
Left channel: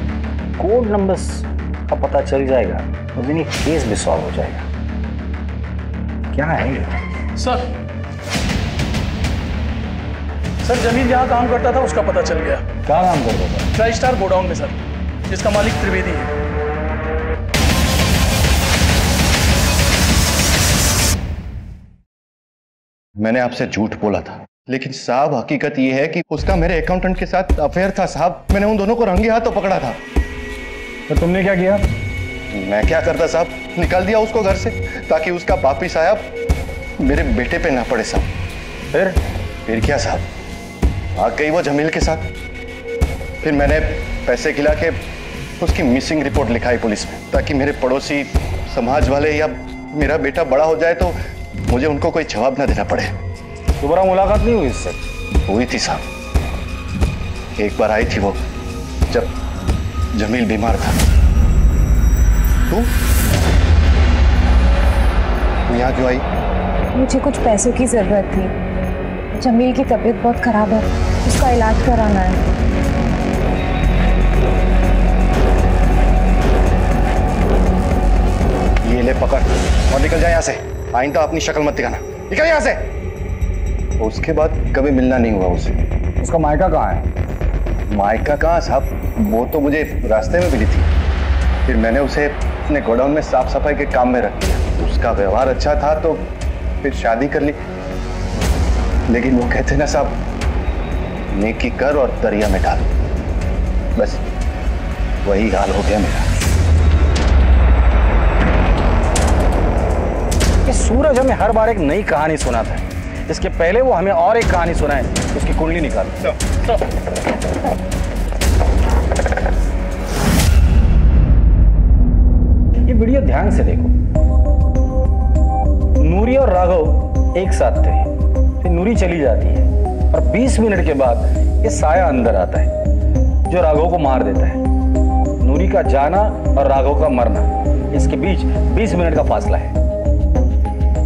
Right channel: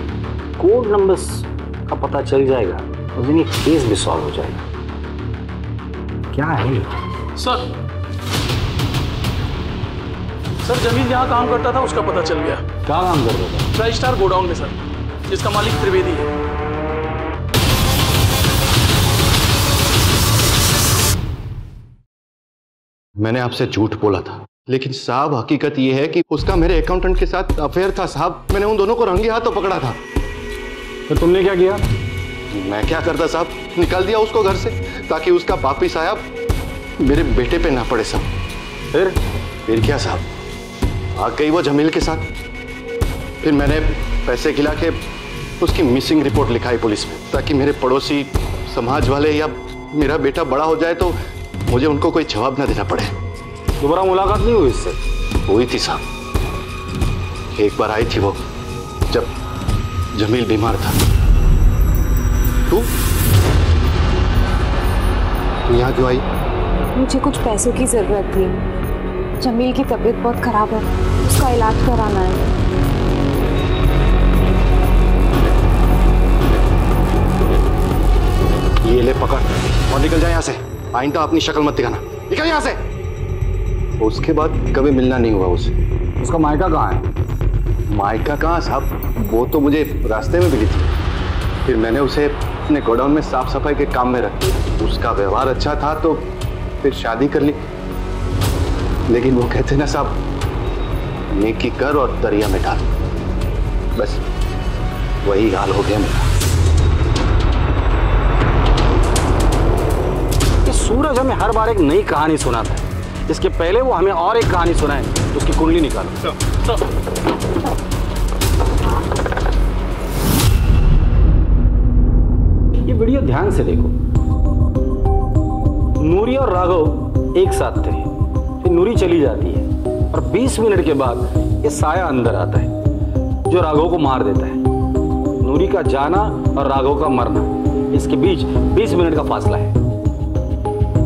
कोड नंबर्स का पता चल जाएगा उस दिन ये केस भी सॉल्व हो जाएगा। क्या है ये? सर जमील जहाँ काम करता था उसका पता चल गया। क्या काम करता था? ट्राई स्टार गोडाउन में सर, जिसका मालिक त्रिवेदी है। मैंने आपसे झूठ बोला था, लेकिन साहब हकीकत यह है कि उसका मेरे अकाउंटेंट के साथ अफेयर था साहब। मैंने उन दोनों को रंगे हाथों पकड़ा था। तो तुमने क्या किया? मैं क्या करता साहब, निकाल दिया उसको घर से ताकि उसका पापी साहब मेरे बेटे पे ना पड़े साहब। फिर क्या साहब, भाग गई वो जमील के साथ। फिर मैंने पैसे खिला के उसकी मिसिंग रिपोर्ट लिखाई पुलिस में, ताकि मेरे पड़ोसी, समाज वाले या मेरा बेटा बड़ा हो जाए तो मुझे उनको कोई जवाब ना देना पड़े। दोबारा मुलाकात नहीं हुई इससे? हुई थी साहब, एक बार आई थी वो जब जमील बीमार था। तू यहाँ क्यों आई? मुझे कुछ पैसों की जरूरत थी। जमील की तबीयत बहुत खराब है, उसका इलाज कराना है। ये ले पकड़ और निकल जाए यहाँ से। आइंदा अपनी शक्ल मत दिखाना, निकल यहाँ से। उसके बाद कभी मिलना नहीं हुआ उससे। उसका मायका कहाँ है? मायका कहाँ साहब, वो तो मुझे रास्ते में मिली थी। फिर मैंने उसे अपने गोडाउन में साफ सफाई के काम में रख दिया। उसका व्यवहार अच्छा था तो फिर शादी कर ली। लेकिन वो कहते ना साहब, नेकी कर और दरिया में डाल। बस वही हाल हो गया मेरा। ये सूरज हमें हर बार एक नई कहानी सुनाता है। इसके पहले वो हमें और एक कहानी सुनाए, उसकी कुंडली निकालो। ये वीडियो ध्यान से देखो। नूरी और राघव एक साथ थे, फिर नूरी चली जाती है और 20 मिनट के बाद ये साया अंदर आता है जो राघव को मार देता है। नूरी का जाना और राघव का मरना, इसके बीच 20 मिनट का फासला है।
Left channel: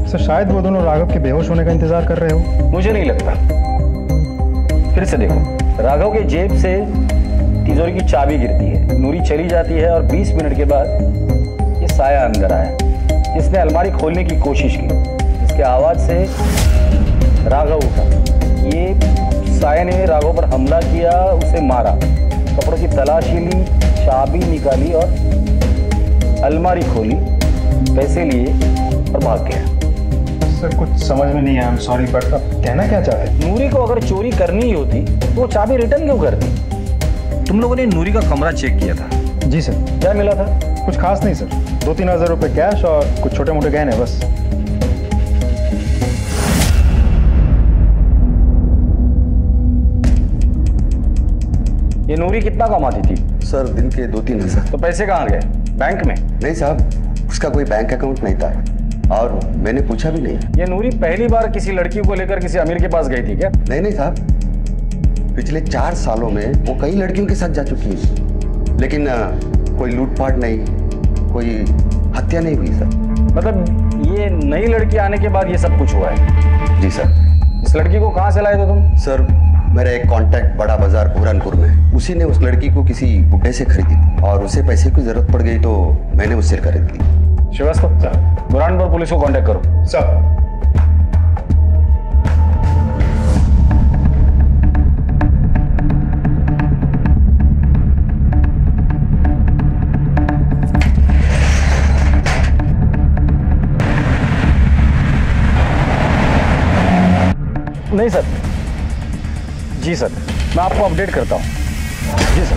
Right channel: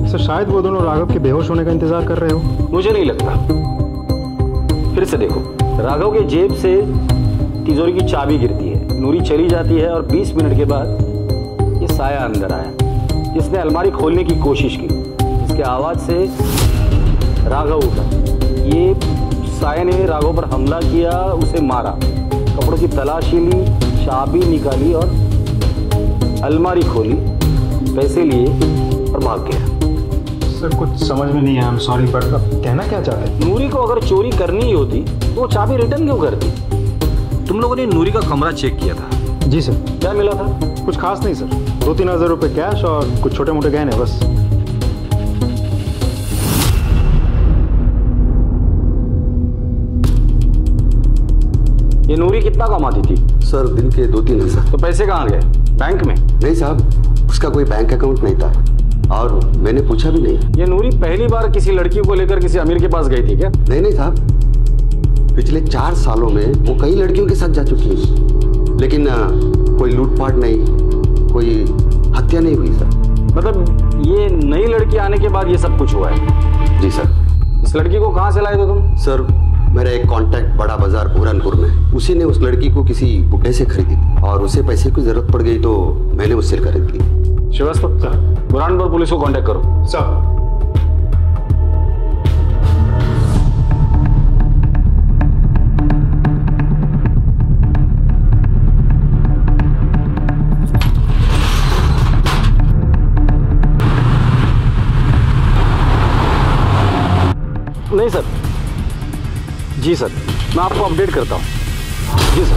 सर शायद वो दोनों राघव के बेहोश होने का इंतजार कर रहे हो। मुझे नहीं लगता। फिर से देखो, राघव के जेब से तिजोरी की चाबी गिरती है, नूरी चली जाती है और 20 मिनट के बाद ये साया अंदर आया जिसने अलमारी खोलने की कोशिश की। इसके आवाज से राघव उठा। ये साया ने राघव पर हमला किया, उसे मारा, कपड़ों की तलाशी ली, चाबी निकाली और अलमारी खोली, पैसे लिए और भाग गया। सर कुछ समझ में नहीं आया, आई एम सॉरी, बट आप कहना क्या चाहते हैं? नूरी को अगर चोरी करनी ही होती तो वो चाबी रिटर्न क्यों करती? तुम लोगों ने नूरी का कमरा चेक किया था? जी सर। क्या मिला था? कुछ खास नहीं सर, 2-3 हज़ार रुपए कैश और कुछ छोटे मोटे गहने बस। ये नूरी कितना कमाती थी? सर दिन के 2-3 हज़ार। तो पैसे कहाँ गए? बैंक में? नहीं साहब, उसका कोई बैंक अकाउंट नहीं था और मैंने पूछा भी नहीं। ये नूरी पहली बार किसी लड़की को लेकर किसी अमीर के पास गई थी क्या? नहीं साहब, पिछले 4 सालों में वो कई लड़कियों के साथ जा चुकी है, लेकिन कोई लूटपाट नहीं, कोई हत्या नहीं हुई सर। मतलब ये नई लड़की आने के बाद ये सब कुछ हुआ है? जी सर। इस लड़की को कहाँ से लाए थे तुम? सर मेरा एक कांटेक्ट बड़ा बाजार बुरहानपुर में, उसी ने उस लड़की को किसी बुड्ढे से खरीदी और उसे पैसे की जरूरत पड़ गई तो मैंने उससे खरीद ली। श्रीवास्तव सर, बुरहानपुर पुलिस को कांटेक्ट करो। सर। नहीं सर। जी सर, मैं आपको अपडेट करता हूँ। जी सर,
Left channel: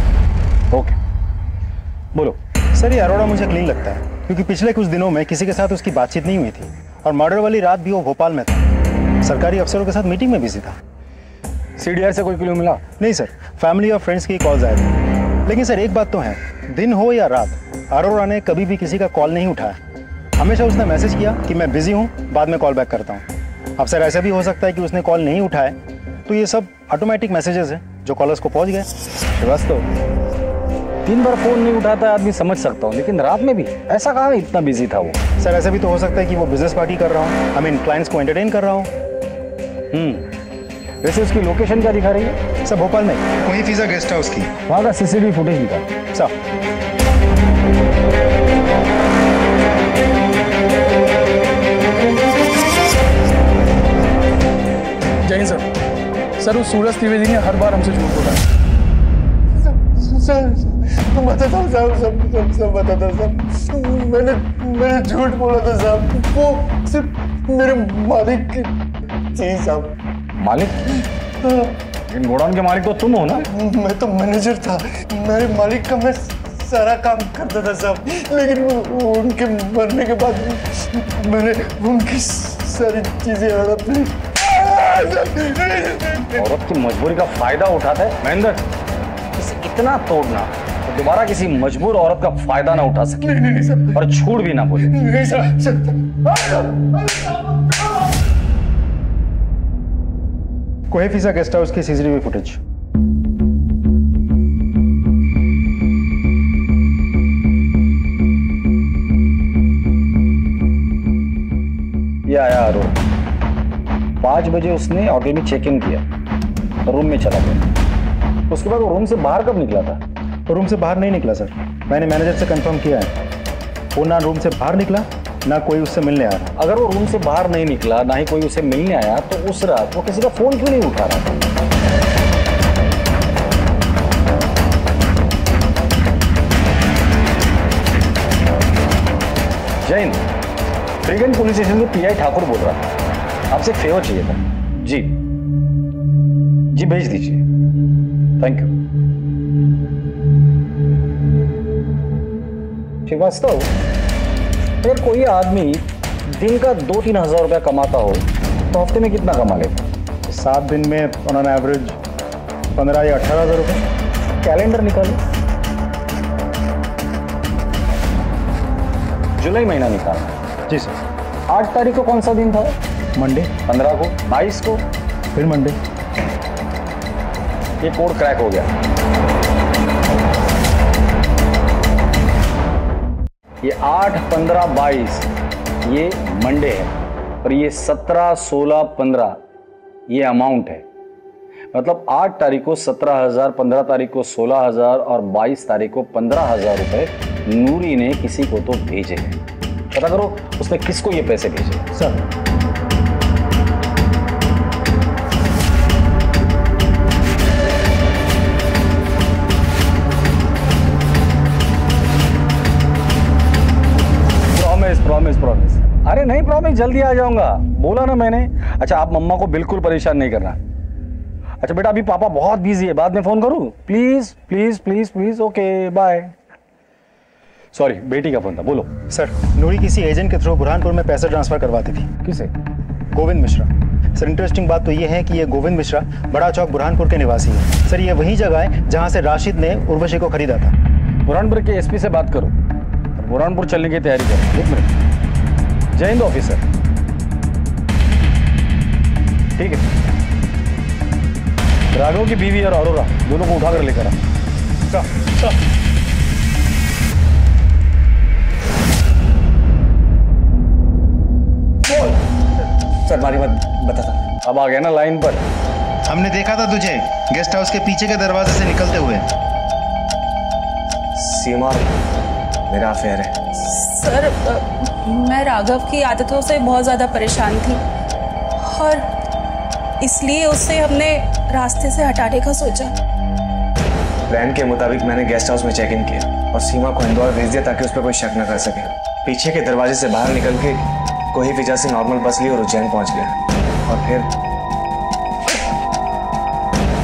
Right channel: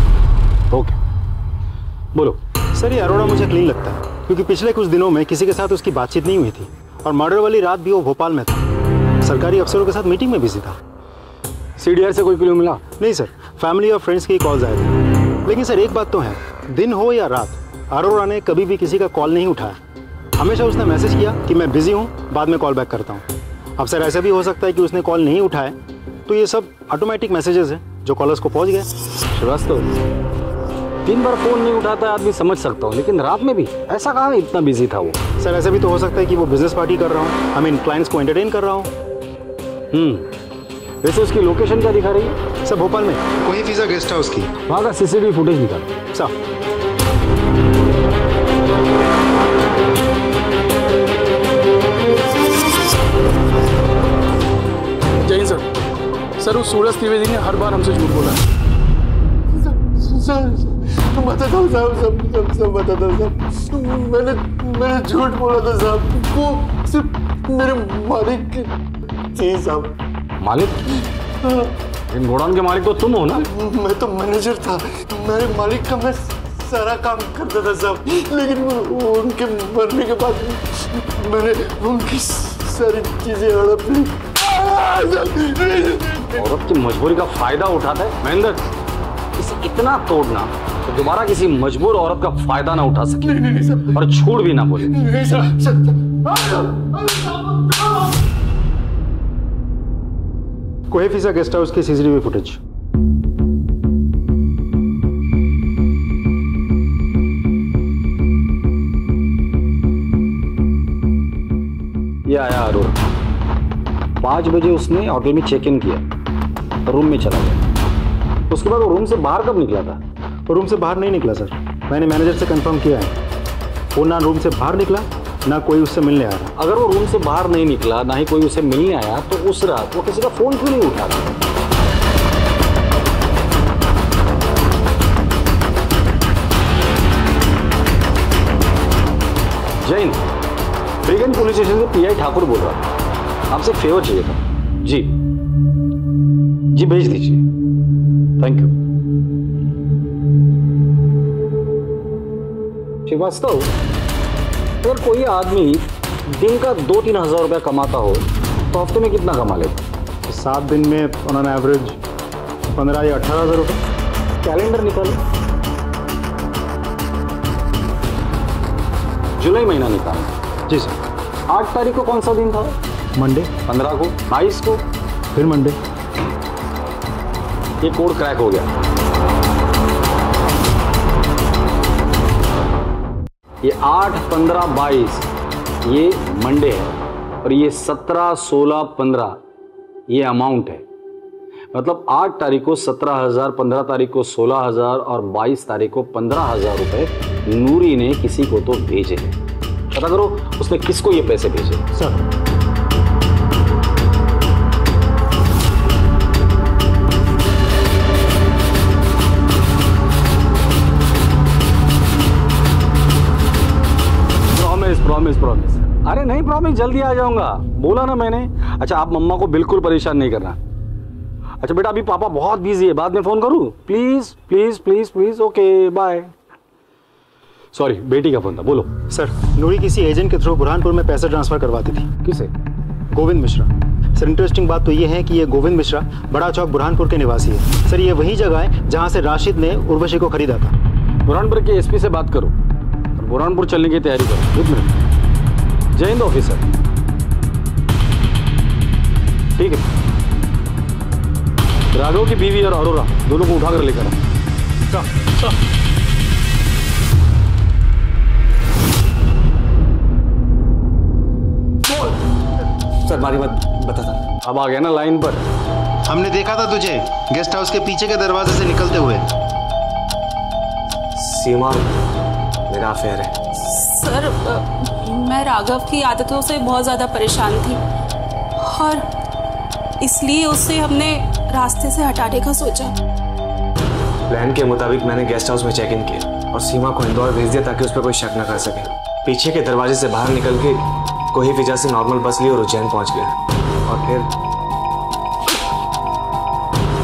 ओके। बोलो। सर ये अरोड़ा मुझे क्लीन लगता है, क्योंकि पिछले कुछ दिनों में किसी के साथ उसकी बातचीत नहीं हुई थी और मर्डर वाली रात भी वो भोपाल में था, सरकारी अफसरों के साथ मीटिंग में बिजी था। सीडीआर से कोई क्लू मिला? नहीं सर, फैमिली और फ्रेंड्स की कॉल्स आए थे। लेकिन सर एक बात तो है, दिन हो या रात, अरोरा ने कभी भी किसी का कॉल नहीं उठाया। हमेशा उसने मैसेज किया कि मैं बिजी हूँ, बाद में कॉल बैक करता हूँ। अब सर ऐसा भी हो सकता है कि उसने कॉल नहीं उठाया, तो ये सब ऑटोमेटिक मैसेजेस हैं जो कॉलर्स को पहुँच गए। श्रीवास्तव, 3 बार फोन नहीं उठाता है आदमी समझ सकता हूँ, लेकिन रात में भी ऐसा कहाँ इतना बिजी था वो? सर ऐसा भी तो हो सकता है कि वो बिजनेस पार्टी कर रहा हूँ, आई मीन क्लाइंट्स को एंटरटेन कर रहा हूँ। वैसे उसकी लोकेशन क्या दिखा रही है? सर भोपाल में कोई फिजा गेस्ट हाउस की। वहाँ का सीसीटीवी फुटेज निकाल। सर जय हिंद सर। सर उस सूरज त्रिवेदी ने हर बार हमसे झूठ बोला है। सर बताता हूँ साहब, सब बताता हूँ साहब। मैंने झूठ बोला था साहब, वो सिर्फ मेरे मालिक की चीज साहब। मालिक? इन गोडाउन के मालिक तो तुम हो ना? मैं तो मैनेजर था, मेरे मालिक का मैं सारा काम करता था साहब, लेकिन उनके मरने के बाद मैंने उनकी सारी चीजें हड़प ली। औरत की मजबूरी का फायदा उठाता है महेंद्र। इसे इतना तोड़ना तो दोबारा किसी मजबूर औरत का फायदा ना उठा सके। नहीं, और झूठ भी ना बोले। कोई फिजा गेस्ट हाउस की सीसीटीवी फुटेज। ये आया अरोरा। 5 बजे उसने होटल में चेक इन किया, रूम में चला गया। उसके बाद वो रूम से बाहर कब निकला था? वो रूम से बाहर नहीं निकला सर, मैंने मैनेजर से कंफर्म किया है। वो ना रूम से बाहर निकला, ना कोई उससे मिलने आ रहा। अगर वो रूम से बाहर नहीं निकला, ना ही कोई उसे मिलने आया, तो उस रात वो किसी का फोन क्यों नहीं उठा रहा था? जैन, फ्रीगंज पुलिस स्टेशन से पीआई ठाकुर बोल रहा था, आपसे एक फेवर चाहिए था। जी जी भेज दीजिए, थैंक यू। श्रीवास्तव, अगर कोई आदमी दिन का 2-3 हज़ार रुपया कमाता हो तो हफ्ते में कितना कमा लेता? 7 दिन में ऑन एवरेज 15 या 18 हज़ार रुपये। कैलेंडर निकालो, जुलाई महीना निकालना। जी सर। 8 तारीख को कौन सा दिन था? मंडे। 15 को, 22 को, फिर मंडे। ये कोड क्रैक हो गया। ये 8, 15, 22 ये मंडे है और ये 17, 16, 15 ये अमाउंट है। मतलब 8 तारीख को 17,000, 15 तारीख को 16,000 और 22 तारीख को 15,000 रुपए नूरी ने किसी को तो भेजे हैं। पता करो उसने किसको ये पैसे भेजे। Sir promise. अरे नहीं, प्रॉमिस जल्दी आ जाऊंगा, बोला ना मैंने। अच्छा, आप मम्मा को बिल्कुल परेशान नहीं करना। अच्छा बेटा, अभी पापा बहुत बिजी है, बाद में फोन करूं? Please please please please. Okay bye. Sorry, बेटी का फोन था, बोलो। सर, नूरी किसी एजेंट के थ्रू बुरहानपुर में पैसे ट्रांसफर करवाती थी। किसे? गोविंद मिश्रा। सर इंटरेस्टिंग बात तो ये है कि ये गोविंद मिश्रा बड़ा चौक बुरहानपुर के निवासी है। सर ये वही जगह है जहां से राशिद ने उर्वशी को खरीदा था। बुरहानपुर के एसपी से बात करो और बुरहानपुर चलने की तैयारी करो। 1 मिनट। जय हिंद ऑफिसर। ठीक है, राघव की बीवी और अरोरा दोनों को उठाकर लेकर आ। सर मारी मत बताता। अब आ गया ना लाइन पर। हमने देखा था तुझे गेस्ट हाउस के पीछे के दरवाजे से निकलते हुए। सीमा, मेरा अफेयर है। सर मैं राघव की आदतों से बहुत ज़्यादा परेशान थी और इसलिए उससे हमने रास्ते से हटाने का सोचा। प्लान के मुताबिक मैंने गेस्ट हाउस में चेक इन किया और सीमा को इंदौर भेज दिया ताकि उस पर कोई शक न कर सके। पीछे के दरवाजे से बाहर निकल के कोई फिजा से नॉर्मल बस ली और उज्जैन पहुंच गया। और फिर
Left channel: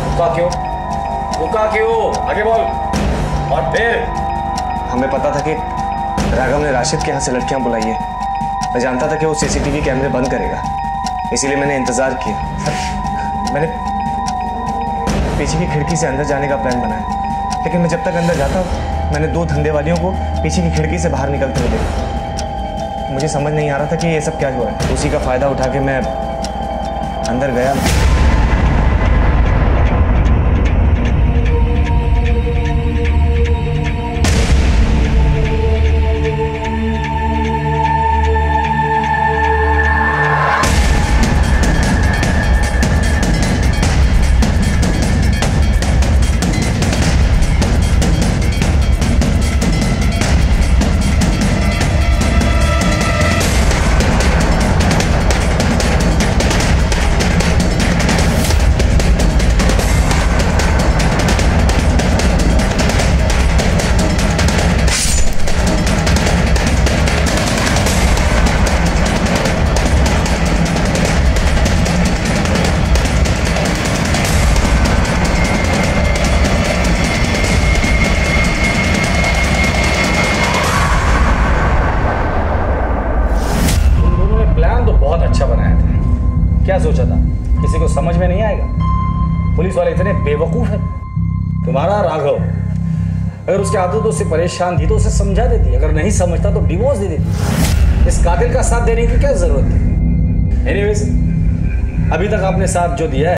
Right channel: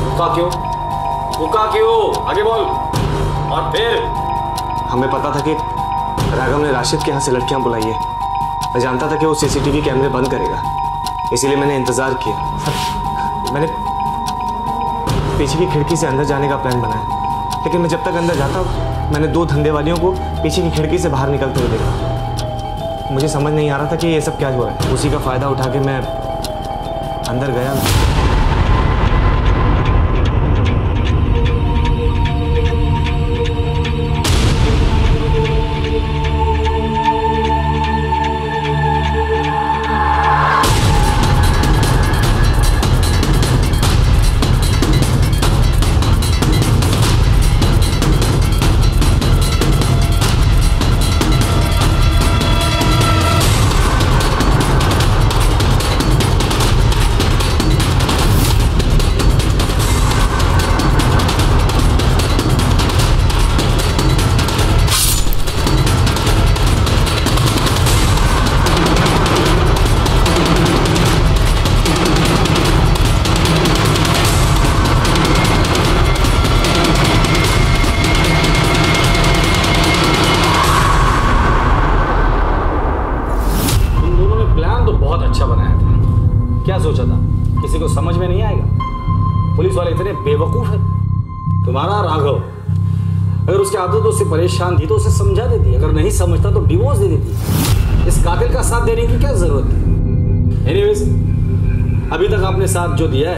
रुका क्यों? आगे बोल। और फिर हमें पता था कि राघव ने राशिद के यहाँ से लड़कियां बुलाई है। मैं जानता था कि वो सीसीटीवी कैमरे बंद करेगा, इसीलिए मैंने इंतजार किया। सर, मैंने पीछे की खिड़की से अंदर जाने का प्लान बनाया, लेकिन मैं जब तक अंदर जाता मैंने 2 धंधे वालियों को पीछे की खिड़की से बाहर निकलते हुए देखा। मुझे समझ नहीं आ रहा था कि ये सब क्या हो रहा है। उसी का फायदा उठा के मैं अंदर गया। क्या सोचा था किसी को समझ में नहीं आएगा? पुलिस वाले इतने बेवकूफ है। तुम्हारा राघव अगर उसकी आदतों से परेशान थी तो उसे समझा देती, अगर नहीं समझता तो डिवोर्स दे देती। इस कातिल का साथ देने की क्या जरूरत थी? एनीवेज, अभी तक आपने साथ जो दिया है